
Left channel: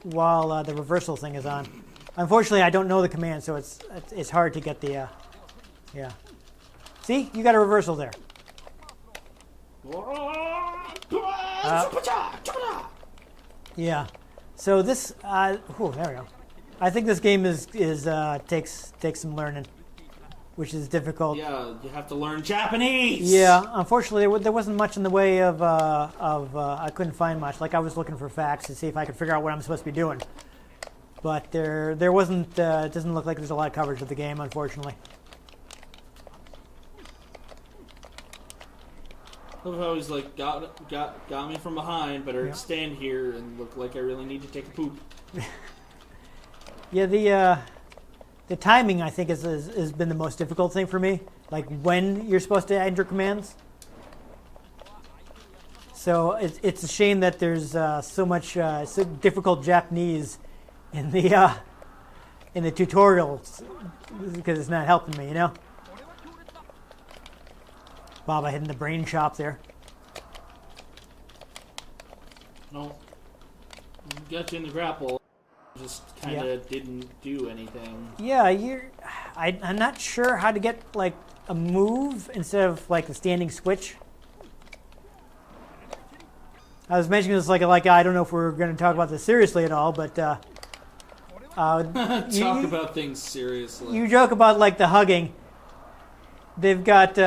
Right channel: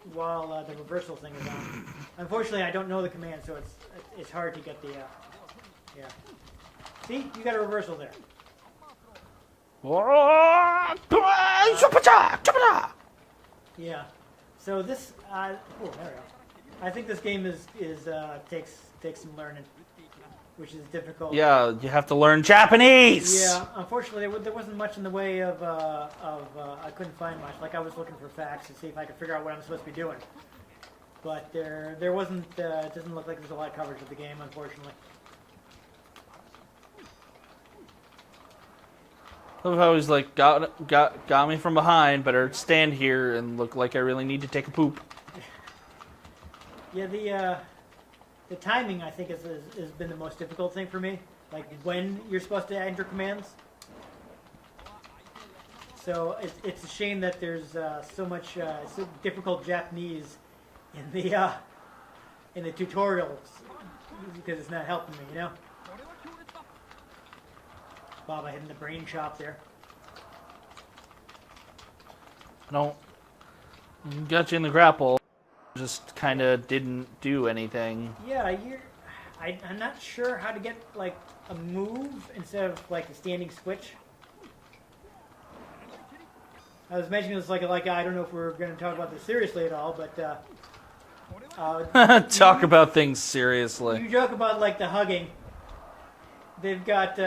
the reversal thing is on. Unfortunately, I don't know the command, so it's hard to get the yeah. See, you got a reversal there. Yeah. So this there we go. I think this game takes some learning, which is difficult. Yeah, you have to learn Japanese. Yeah, unfortunately, there wasn't much in the way of I couldn't find much. Like I was looking for facts to see if I could figure out what I'm supposed to be doing, but there wasn't. It doesn't look like there's a lot of coverage of the game, unfortunately. I love how he's like got me from behind. Better stand here and look like I really need to take a poop. Yeah, the timing I think has been the most difficult thing for me. Like when you're supposed to enter commands. So it's a shame that there's so much so difficult Japanese in the tutorials because it's not helping me, Baba hitting the brain shop there. No, got you in the grapple. Just kind of didn't do anything. Yeah, I'm not sure how to get like a move instead of like the standing switch. I was mentioning this like I don't know if we're going to talk about this seriously at all, but talk about things seriously. You joke about like the hugging. They've got.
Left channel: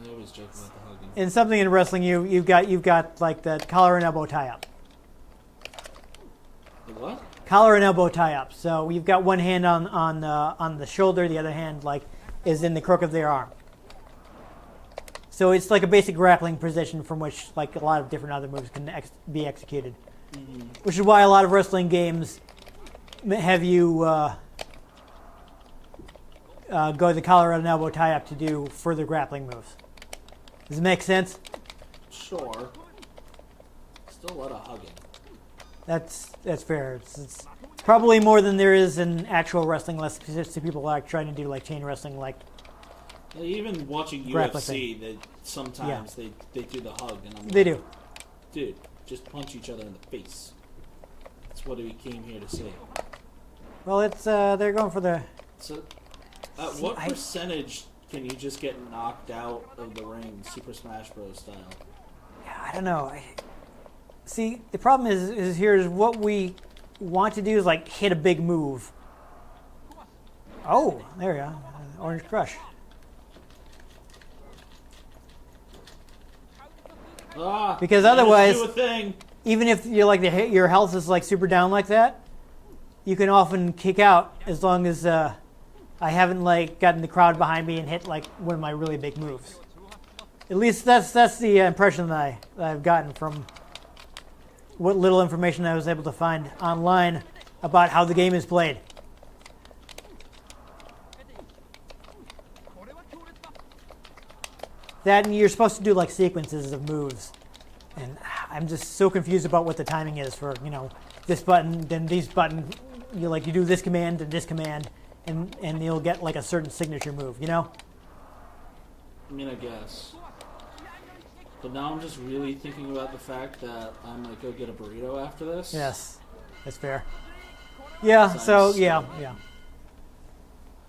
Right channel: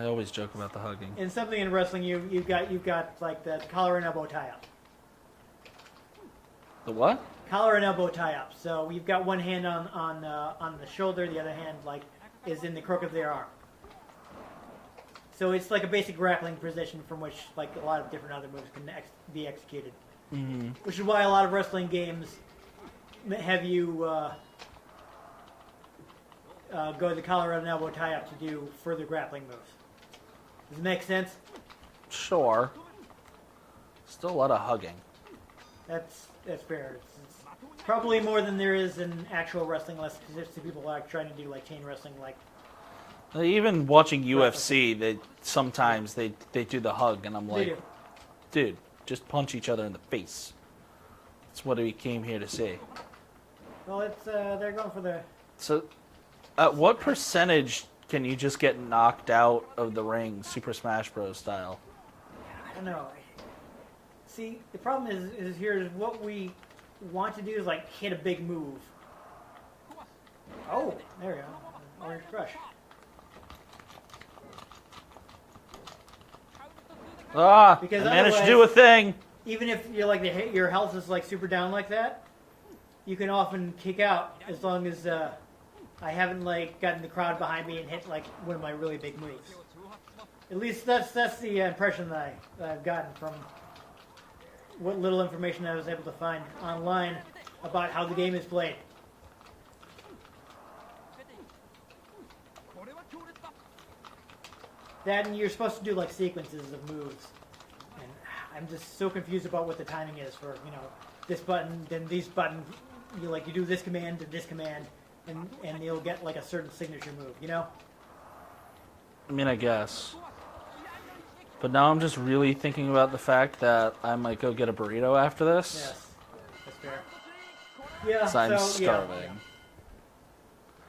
I always joke about the hugging. In something in wrestling, you've got like the collar and elbow tie up. The what? Collar and elbow tie up. So you've got one hand on the shoulder, the other hand like is in the crook of their arm. So it's like a basic grappling position from which like a lot of different other moves can be executed. Mm-hmm. Which is why a lot of wrestling games have you go the collar and elbow tie up to do further grappling moves. Does it make sense? Sure. Still a lot of hugging. That's fair. It's probably more than there is in actual wrestling, unless people like trying to do like chain wrestling, like. Even watching UFC, they sometimes they do the hug, and I'm like, they do. Dude, just punch each other in the face. That's what we came here to see. Well, it's they're going for the. So, what percentage can you just get knocked out of the ring, Super Smash Bros. Style? Yeah, I don't know. See, the problem is here's what we want to do is like hit a big move. Oh, there we go. Orange Crush. Because otherwise, do a thing. Even if you're like your health is like super down like that, you can often kick out as long as I haven't like gotten the crowd behind me and hit like one of my really big moves. At least that's the impression that I've gotten from what little information I was able to find online about how the game is played. That and you're supposed to do like sequences of moves, and I'm just so confused about what the timing is for this button, then these buttons. You do this command and this command, and you'll get like a certain signature move. I mean, I guess. But now I'm just really thinking about the fact that I might go get a burrito after this. Yes, that's fair. Yeah. So yeah.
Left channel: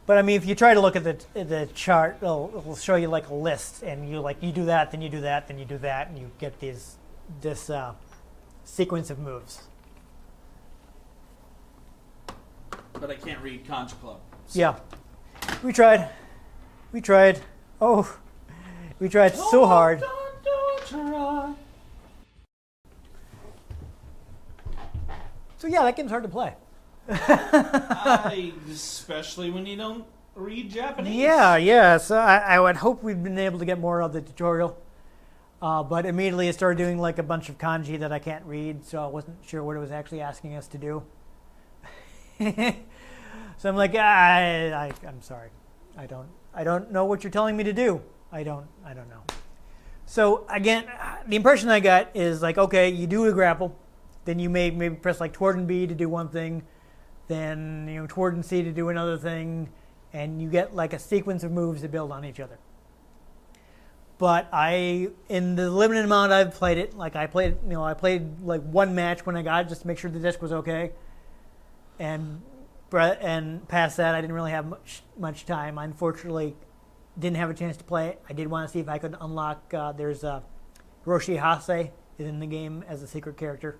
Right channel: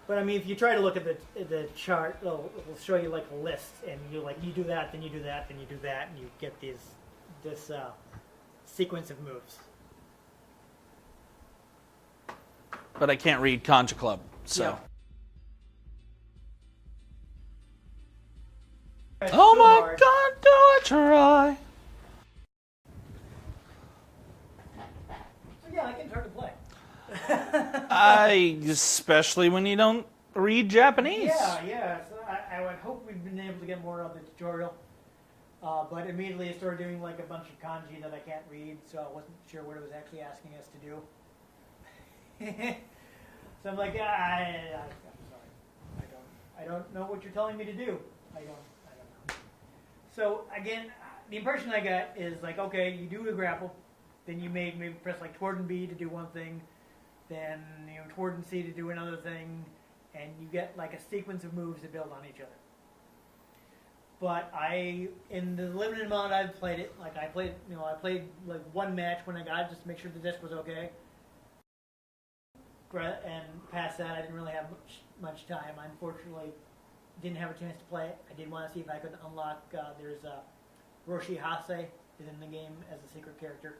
But I mean, if you try to look at the chart, it'll show you like a list, and you do that, then you do that, then you do that, and you get this sequence of moves. But I can't read Concha Club. So. Yeah, we tried. Oh, we tried oh so my hard. God, do I try? So yeah, that game's hard to play. Especially when you don't read Japanese. Yeah. So I would hope we'd been able to get more of the tutorial. But immediately it started doing like a bunch of kanji that I can't read, so I wasn't sure what it was actually asking us to do. So I'm like, I'm sorry, I don't know what you're telling me to do. I don't know. So again, the impression I got is like, okay, you do a grapple, then you maybe press like toward and B to do one thing, then toward and C to do another thing, and you get like a sequence of moves that build on each other. But in the limited amount I've played it, like I played like one match when I got it just to make sure the disc was okay, and past that I didn't really have much time. I unfortunately didn't have a chance to play it. I did want to see if I could unlock. There's Hiroshi Hase is in the game as a secret character.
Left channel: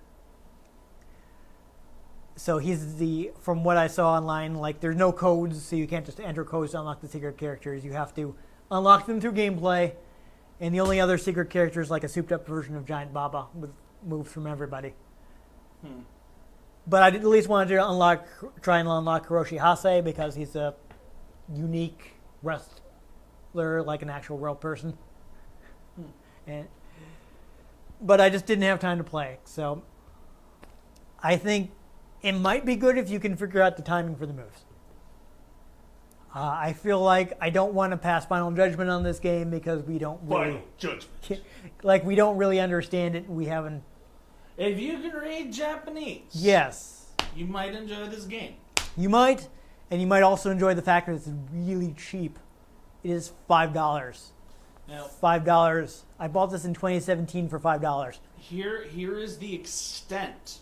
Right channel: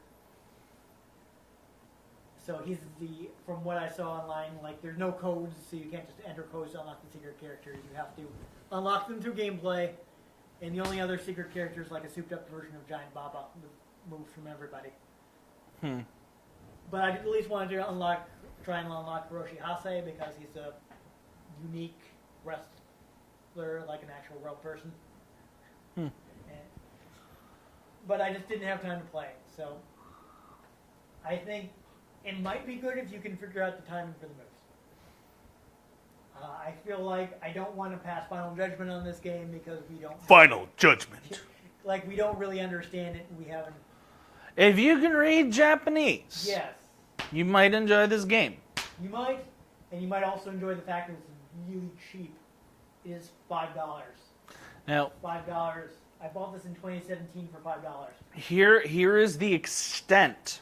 So he's from what I saw online, like there's no codes, so you can't just enter codes to unlock the secret characters. You have to unlock them through gameplay. And the only other secret character is like a souped-up version of Giant Baba with moves from everybody. But I did at least wanted to try and unlock Hiroshi Hase because he's a unique wrestler, like an actual real person. But I just didn't have time to play. So I think it might be good if you can figure out the timing for the moves. I feel like I don't want to pass Final Judgment on this game because we don't... Final Judgment. Like, we don't really understand it. We haven't... If you can read Japanese... Yes. You might enjoy this game. You might, and you might also enjoy the fact that it's really cheap. It is $5. Now, $5. I bought this in 2017 for $5. Here is the extent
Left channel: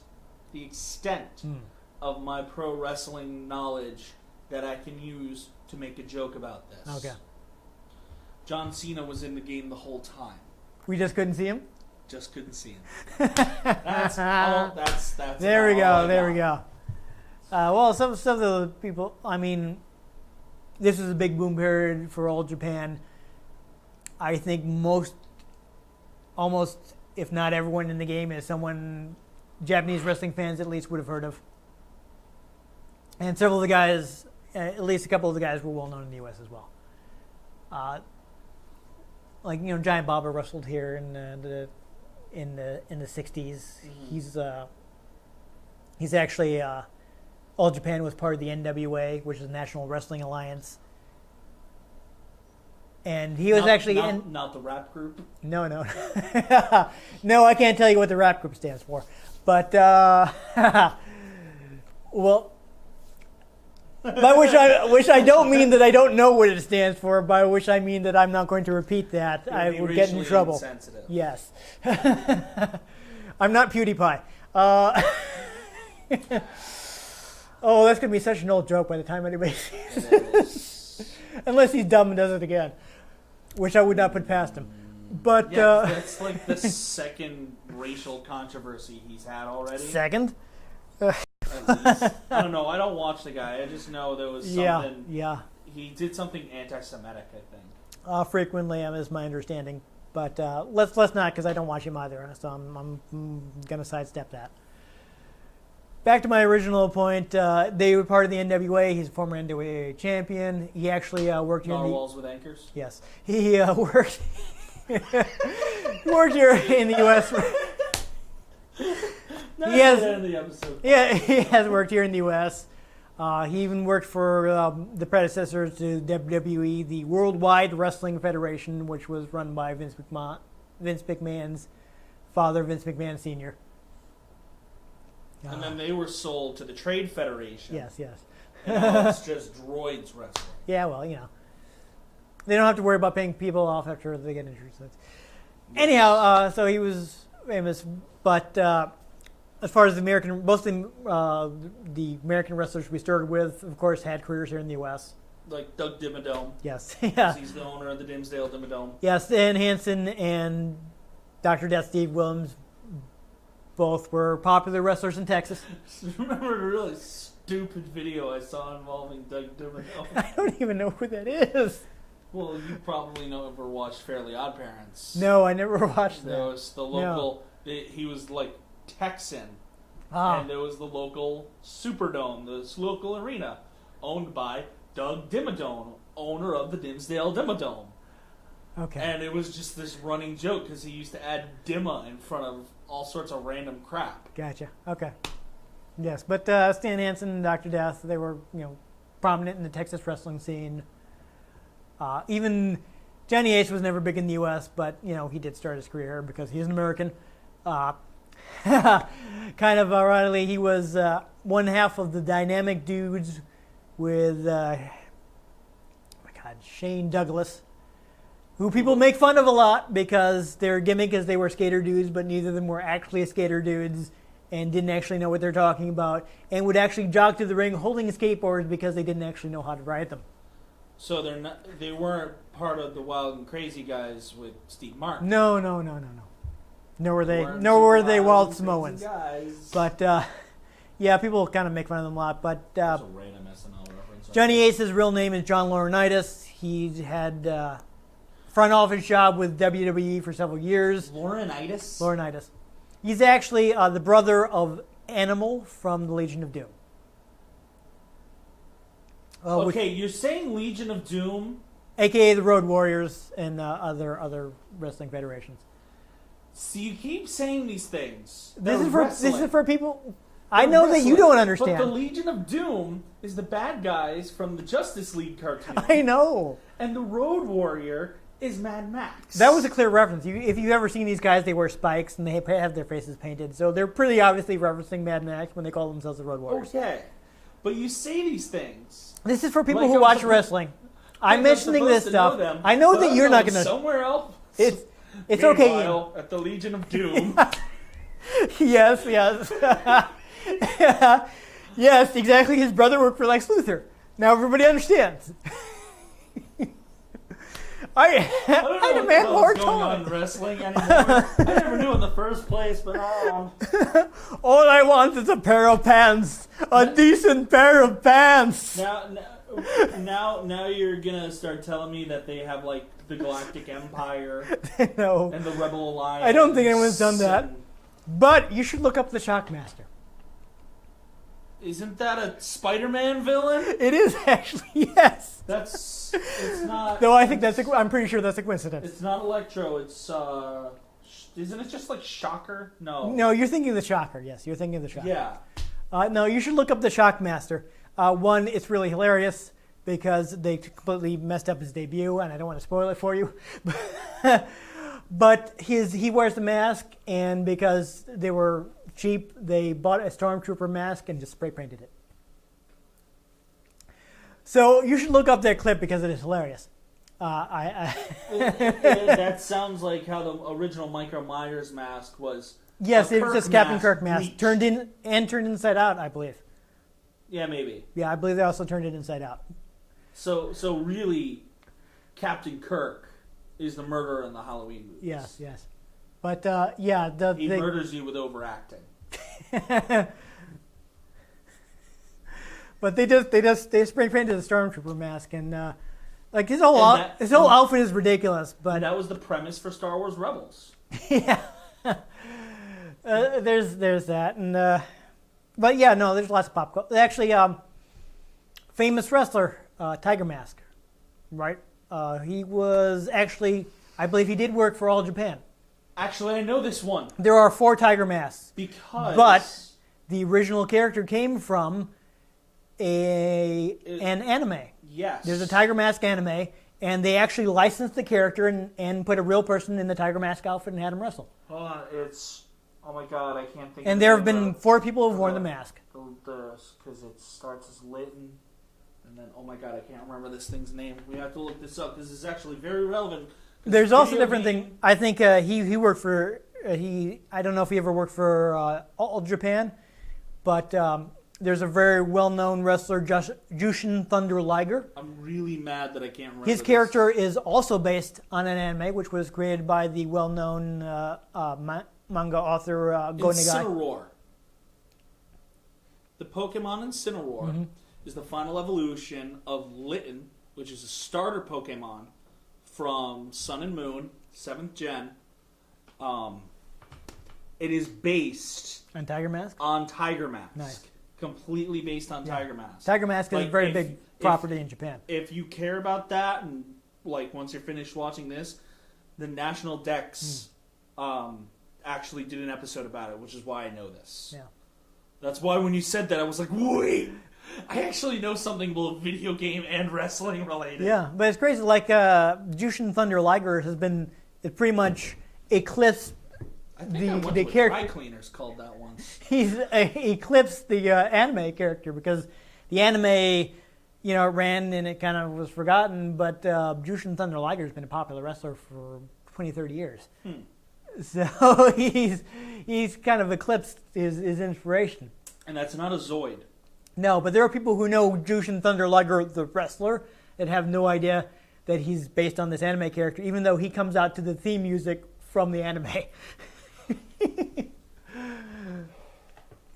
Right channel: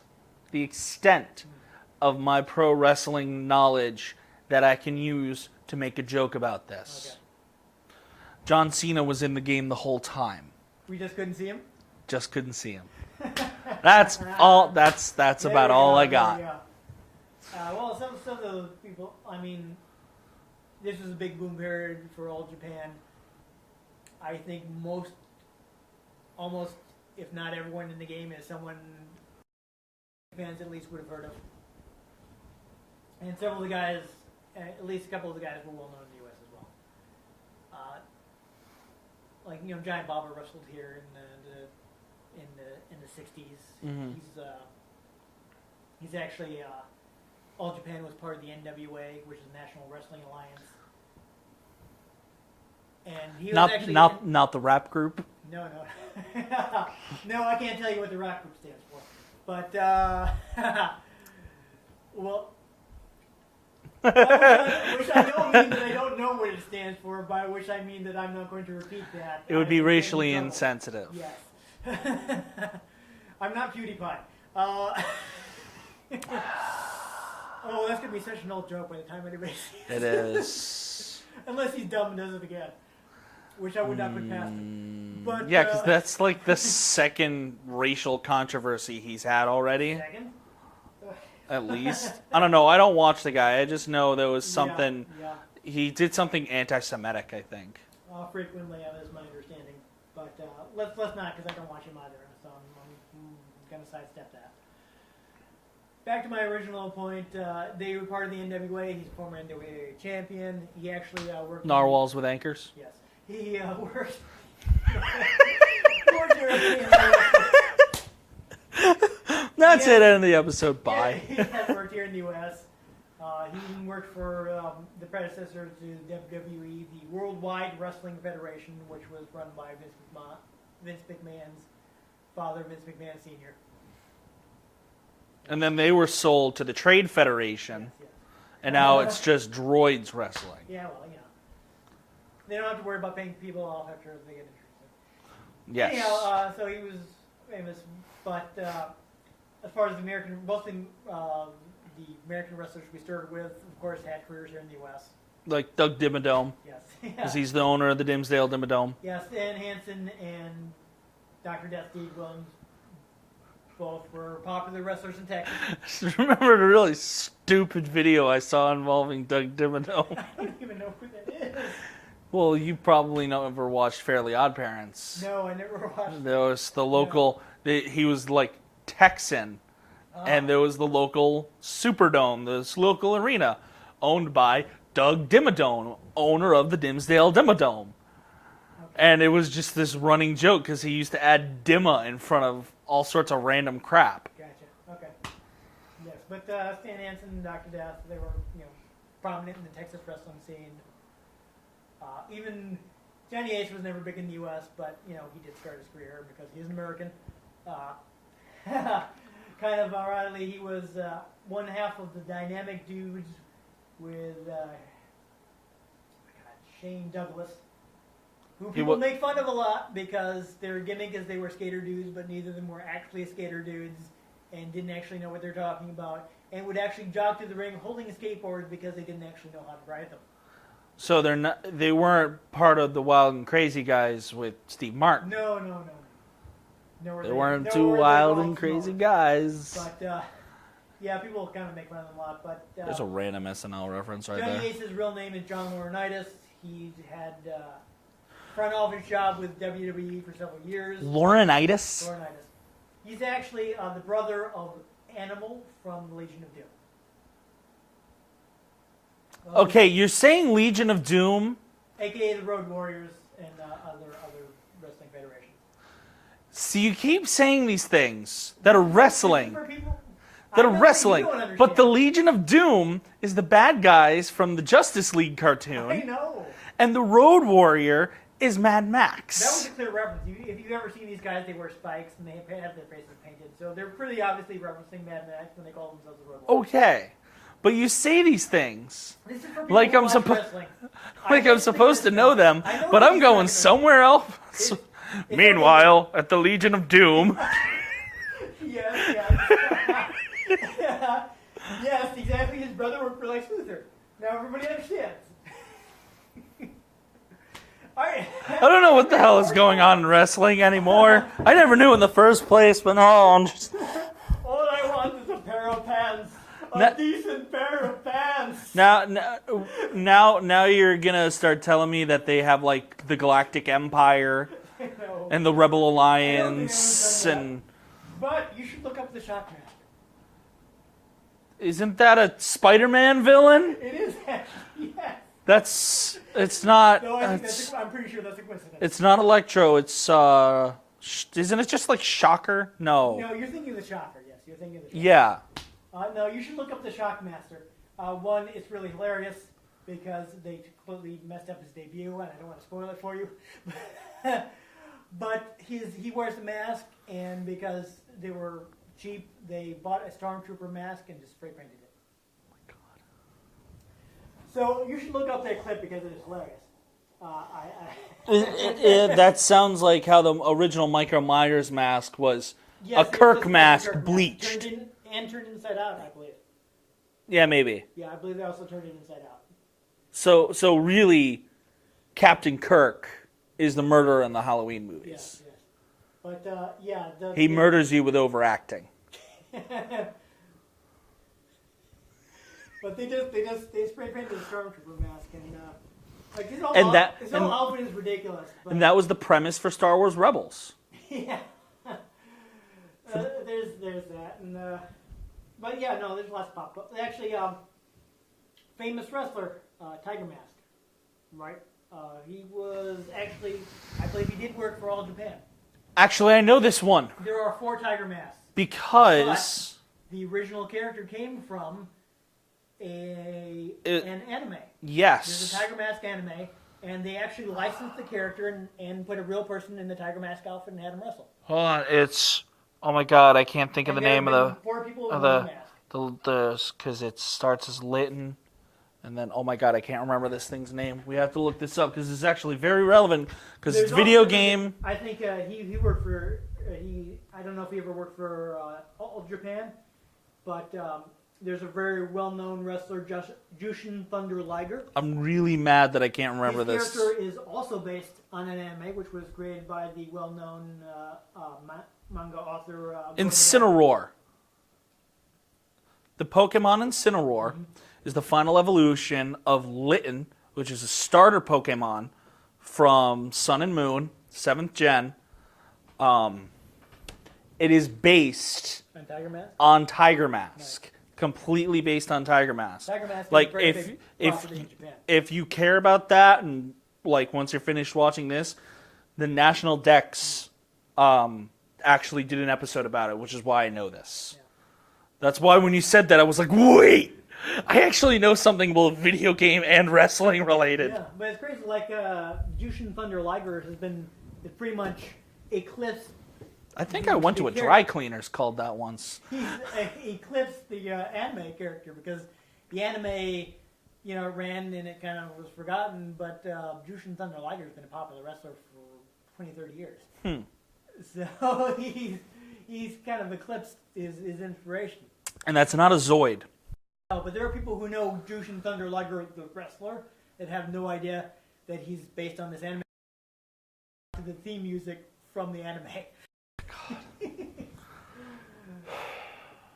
of my pro wrestling knowledge that I can use to make a joke about this. Okay. John Cena was in the game the whole time. We just couldn't see him? Just couldn't see him. That's all. That's about all I got. There we go. Well, some of the people. I mean, this was a big boom period for old Japan. I think almost, if not everyone in the game, is someone Japanese wrestling fans at least would have heard of. And several of the guys, at least a couple of the guys, were well known in the U.S. as well. Like Giant Baba wrestled here in the 60s. Mm-hmm. He's actually All Japan was part of the NWA, which is the National Wrestling Alliance. And he was not the rap group. No. No, I can't tell you what the rap group stands for. But well, by which I don't mean that I don't know what it stands for. By which I mean that I'm not going to repeat that. It would be racially insensitive. Yes. I'm not PewDiePie. Oh, that's going to be such an old joke by the time anybody sees it. It is. Unless he's dumb and does it again, which I would not put past him. But yeah, 'cause that's like the second racial controversy he's had already. Second? At least. I don't know. I don't watch the guy. I just know there was something. Yeah. He did something anti-Semitic, I think. Frequently, is my understanding. But let's not, because I don't watch him either. So I'm going to sidestep that. Back to my original point. They were part of the NWA. He's a former NWA champion. He actually worked... Narwhals with anchors? Yes. He worked... worked here in the U.S. That's it, end of the episode. Bye. Yeah, he has worked here in the U.S. He even worked for the predecessor to WWE, the Worldwide Wrestling Federation, which was run by Vince McMahon's father, Vince McMahon Sr. And then they were sold to the Trade Federation. Yes. And now it's just droids wrestling. Yeah, well, they don't have to worry about paying people off after they get injured. So yes. Anyhow, so he was famous, but as far as most of the American wrestlers we started with, of course, had careers here in the U.S. Like Doug Dimmadome. Yes. Because he's the owner of the Dimsdale Dimmadome. Yes, Stan Hansen and Dr. Death Steve Williams both were popular wrestlers in Texas. I remember a really stupid video I saw involving Doug Dimmadome. I don't even know who that is. Well, you probably never watched Fairly Odd Parents. No, I never watched that. There was the local... No. He was like Texan, And there was the local Superdome, this local arena, owned by Doug Dimmadome, owner of the Dimsdale Dimmadome. Okay. And it was just this running joke because he used to add Dimma in front of all sorts of random crap. Gotcha. Okay. Yes, but Stan Hansen and Dr. Death, they were, prominent in the Texas wrestling scene. Even Johnny Ace was never big in the U.S., but, he did start his career because he's an American. Kind of ironically, he was one half of the Dynamic Dudes with, Shane Douglas, who people make fun of a lot because their gimmick is they were skater dudes, but neither of them were actually skater dudes and didn't actually know what they're talking about, and would actually jog through the ring holding skateboards because they didn't actually know how to ride them. So they weren't part of the Wild and Crazy guys with Steve Martin. No. Nor were they Wild Wild and Samoans. Crazy guys. But yeah, people kind of make fun of them a lot. But That's a random SNL reference right Johnny there. Ace's real name is John Laurinaitis. He had front office job with WWE for several years. Laurinaitis? He's actually the brother of Animal from the Legion of Doom. Okay, you're saying Legion of Doom? AKA the Road Warriors and other wrestling federations. See, you keep saying these things that are wrestling. This is for people... They're I know wrestling, that you don't understand. but the Legion of Doom is the bad guys from the Justice League cartoon. I know. And the Road Warrior is Mad Max. That was a clear reference. If you've ever seen these guys, they wear spikes and they have their faces painted. So they're pretty obviously referencing Mad Max when they call themselves the Road Warriors. Okay. But you say these things. This is for people like who I'm watch wrestling. I'm supposed to know them. I know but that I'm you're going not gonna... somewhere else. It's Meanwhile, at the Legion of Doom. Yes. Yes, exactly. His brother worked for Lex Luthor. Now everybody understands. I don't know what the hell is going on in wrestling anymore. I never knew in the first place, but I'm just... All I want is a pair of pants. A decent pair of pants. Now you're gonna start telling me that they have like the Galactic Empire No. and the Rebel Alliance. I don't think anyone's done that. But you should look up the Shockmaster. Isn't that a Spider-Man villain? It is actually, yes. It's not. No, I think I'm pretty sure that's a coincidence. It's not Electro. It's isn't it just like Shocker? No. No, you're thinking of the Shocker. Yes, you're thinking of the Shocker. Yeah. No, you should look up the Shockmaster. One, it's really hilarious because they completely messed up his debut, and I don't want to spoil it for you. But he wears the mask, and because they were cheap, they bought a Stormtrooper mask and just spray painted it. So you should look up that clip because it is hilarious. That sounds like how the original Michael Myers mask was. Yes, a Kirk it's a mask, Kirk mask. bleached. Turned inside out, I believe. Yeah, maybe. Yeah, I believe they also turned it inside out. So really, Captain Kirk is the murderer in the Halloween movies. Yes. But yeah, he murders you with overacting. But they spray painted the Stormtrooper mask, and like his whole outfit is ridiculous. But and that was the premise for Star Wars Rebels. Yeah. There's that, and but yeah, no, there's lots of pop culture. Actually, famous wrestler Tiger Mask, right? He was actually, I believe, he did work for All Japan. Actually, I know this one There are 4 Tiger Masks, because the original character came from an anime. Yes, There's a Tiger Mask anime, and they actually licensed the character and put a real person in the Tiger Mask outfit and had him wrestle. Hold on, it's oh my god, I can't think of And the there name have been of 4 people who've worn the mask. because it starts as Lytton, and then oh my god, I can't remember this thing's name. We have to look this up because it's actually very relevant. Because There's video also game. I think he worked for I don't know if he ever worked for All Japan, but there's a very well-known wrestler, Jushin Thunder Liger. I'm really mad that I can't remember His character is also based on an anime, which was created by the well-known manga author Go Nagai. Incineroar. The Pokemon Incineroar is the final evolution of Litten, which is a starter Pokemon from Sun and Moon, 7th gen. It is based On Tiger Mask? on Tiger Mask. Nice. Completely based on Tiger Mask. Tiger Mask is Like, a very if- big if- property in Japan. If you care about that, and like once you're finished watching this, the National Dex actually did an episode about it, which is why I know this. Yeah. That's why when you said that, I was like, wait, I actually know something both video game and wrestling related. Yeah, but it's crazy. Like Jushin Thunder Liger it pretty much eclipsed. I think I went to a dry cleaners called that once. He's eclipsed the anime character because the anime, it ran and it kind of was forgotten. But Jushin Thunder Liger has been a popular wrestler for 20, 30 years. So he's kind of eclipsed his inspiration. And that's not a Zoid. No, but there are people who know Jushin Thunder Liger, the wrestler, that have no idea that he's based on this anime character, even though he comes out to the theme music from the anime.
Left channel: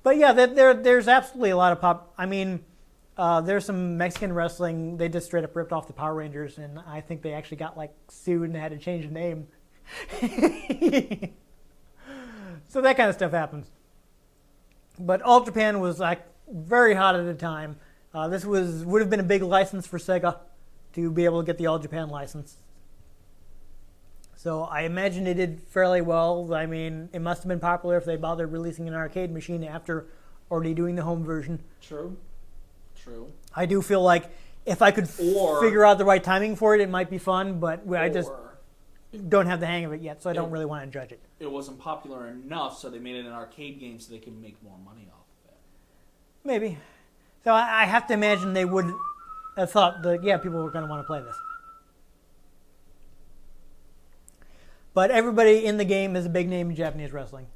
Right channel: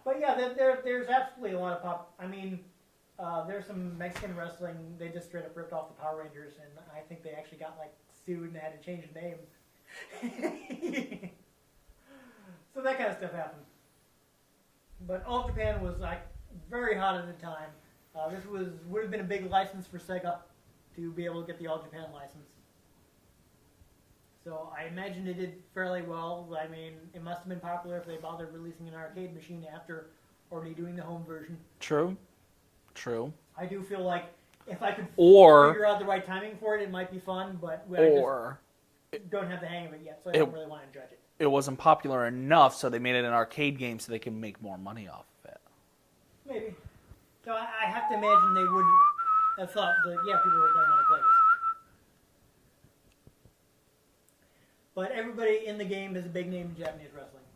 But yeah, there's absolutely a lot of pop. I mean, there's some Mexican wrestling. They just straight up ripped off the Power Rangers, and I think they actually got sued and had to change the name. So that kind of stuff happens. But All Japan was very hot at the time. This would have been a big license for Sega to be able to get the All Japan license. So I imagine it did fairly well. I mean, it must have been popular if they bothered releasing an arcade machine after already doing the home version. True. I do feel like if I could figure out the right timing for it, it might be fun, but I just don't have the hang of it yet, so I don't really want to judge it. It wasn't popular enough, so they made it an arcade game so they can make more money off of it. Maybe. So I have to imagine they would have thought that, people were going to want to play this. But everybody in the game is a big name in Japanese wrestling.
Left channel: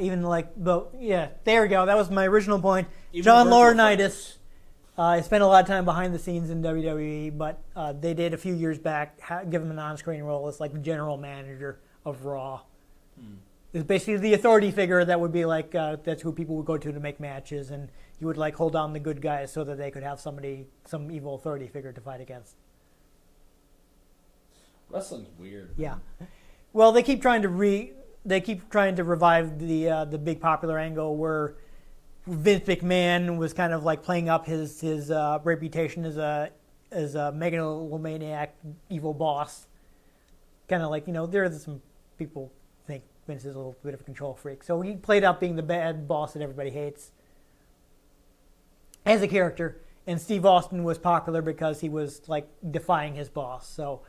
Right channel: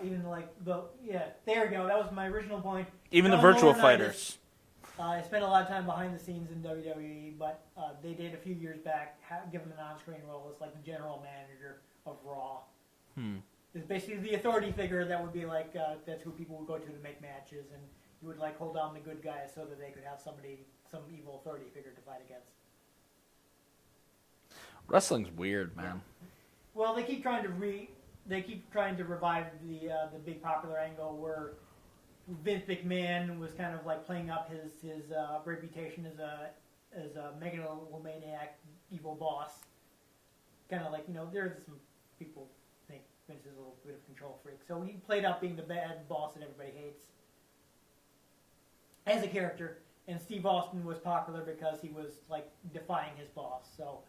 Even there we go. That was my original point. Even John the Virtua Laurinaitis fighters. spent a lot of time behind the scenes in WWE, but they did a few years back give him an on-screen role as the general manager of Raw. It's basically the authority figure that would be that's who people would go to make matches, and you would hold on the good guys so that they could have some evil authority figure to fight against. Wrestling's weird, man. Yeah. Well, they keep trying to revive the big popular angle where Vince McMahon was kind of playing up his reputation as a megalomaniac evil boss. Kind of there's some people think Vince is a little bit of a control freak, so he played up being the bad boss that everybody hates as a character. And Steve Austin was popular because he was defying his boss. So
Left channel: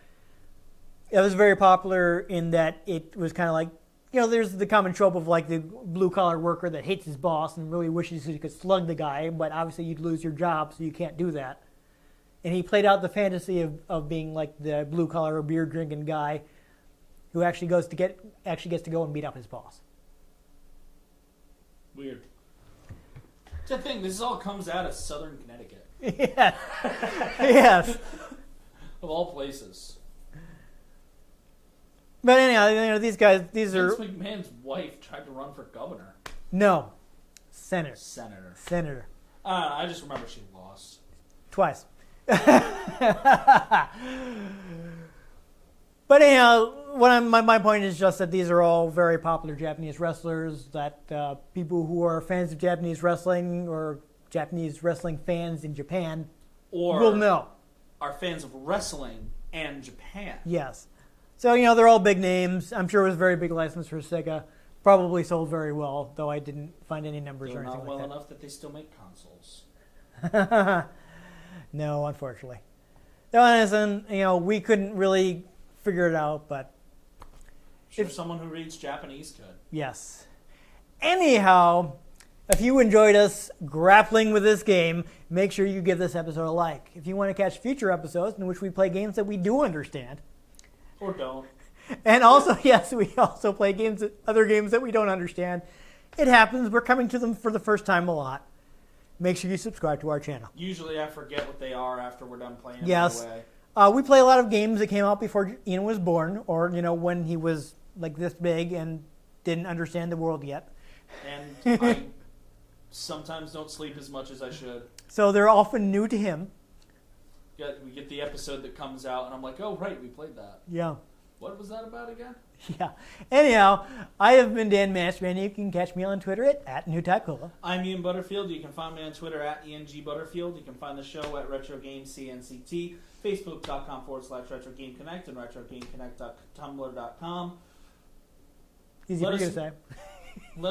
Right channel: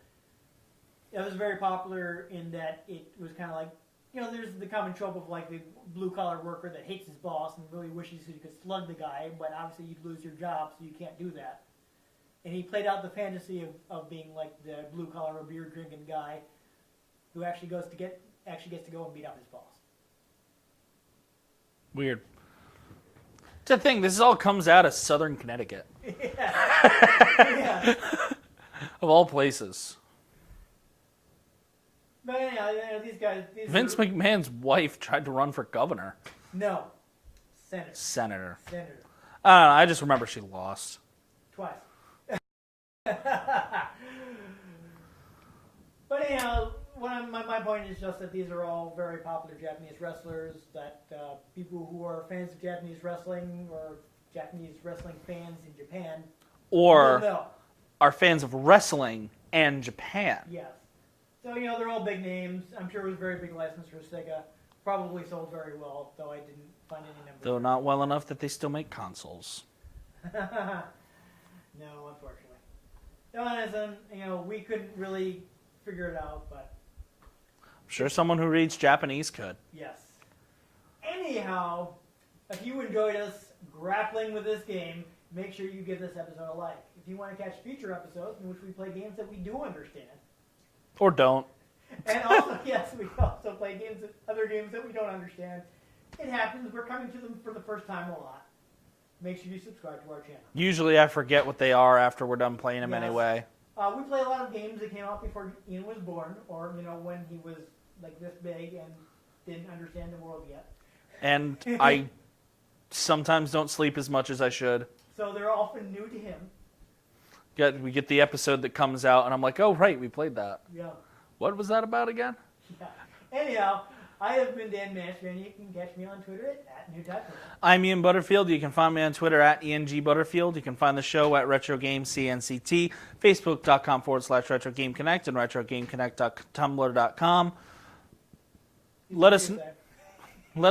it was very popular in that it was kind of there's the common trope of the blue-collar worker that hates his boss and really wishes he could slug the guy, but obviously you'd lose your job, so you can't do that. And he played out the fantasy of being the blue-collar beer-drinking guy who actually gets to go and beat up his boss. Weird. It's a thing. This all comes out of Southern Connecticut. Yeah. Yes. Of all places. But anyhow, these Vince McMahon's wife tried to run for governor. No. Senator. I don't know. I just remember she lost. Twice. But anyhow, my point is just that these are all very popular Japanese wrestlers that people who are fans of Japanese wrestling or Japanese wrestling fans in Japan will know. Are fans of wrestling and Japan. Yes. So, they're all big names. I'm sure it was a very big license for Sega. Probably sold very well, though I didn't find any numbers. Though not well enough that they still make consoles. No, unfortunately. So, we couldn't really figure it out, but I'm sure someone who reads Japanese could. Yes. Anyhow, if you enjoyed us grappling with this game, make sure you give this episode a like. If you want to catch future episodes in which we play games that we do understand. Or don't. And also, yes, we also play other games that we don't understand. It happens. We're coming to them for the first time a lot. Make sure you subscribe to our channel. Usually I forget what they are after we're done playing them anyway. We play a lot of games that came out before Ian was born, or, when he was this big and didn't understand the world yet. And I sometimes don't sleep as much as I should. So they're often new to him. We get the episode that comes out, and I'm like, oh, right, we played that. Yeah. What was that about again? Yeah. Anyhow, I have been Dan Mastriani. You can catch me on Twitter at NewTypeCola. I'm Ian Butterfield. You can find me on Twitter at ENGButterfield. You can find the show at RetroGameCNCT, Facebook.com/RetroGameConnect, and RetroGameConnect.tumblr.com. Let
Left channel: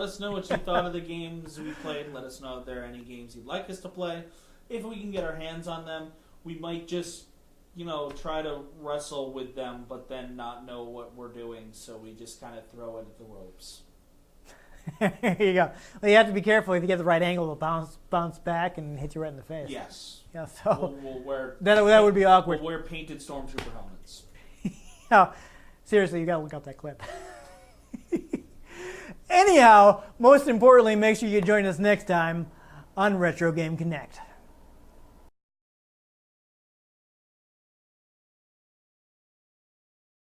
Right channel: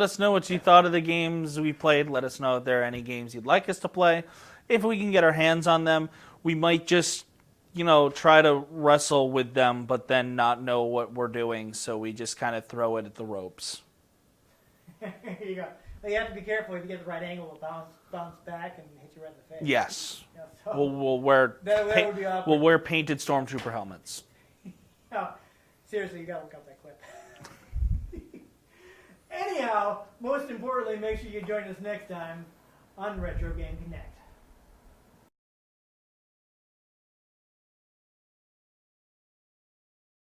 us know what you thought of the games we played. Let us know if there are any games you'd like us to play. If we can get our hands on them, we might just, try to wrestle with them, but then not know what we're doing, so we just kind of throw it at the ropes. There you go. Well, you have to be careful. If you get the right angle, it'll bounce back and hit you right in the face. Yes. Yeah, so We'll wear... that would be awkward. We'll wear painted Stormtrooper helmets. Yeah, seriously, you got to look up that clip. Anyhow, most importantly, make sure you join us next time on Retro Game Connect.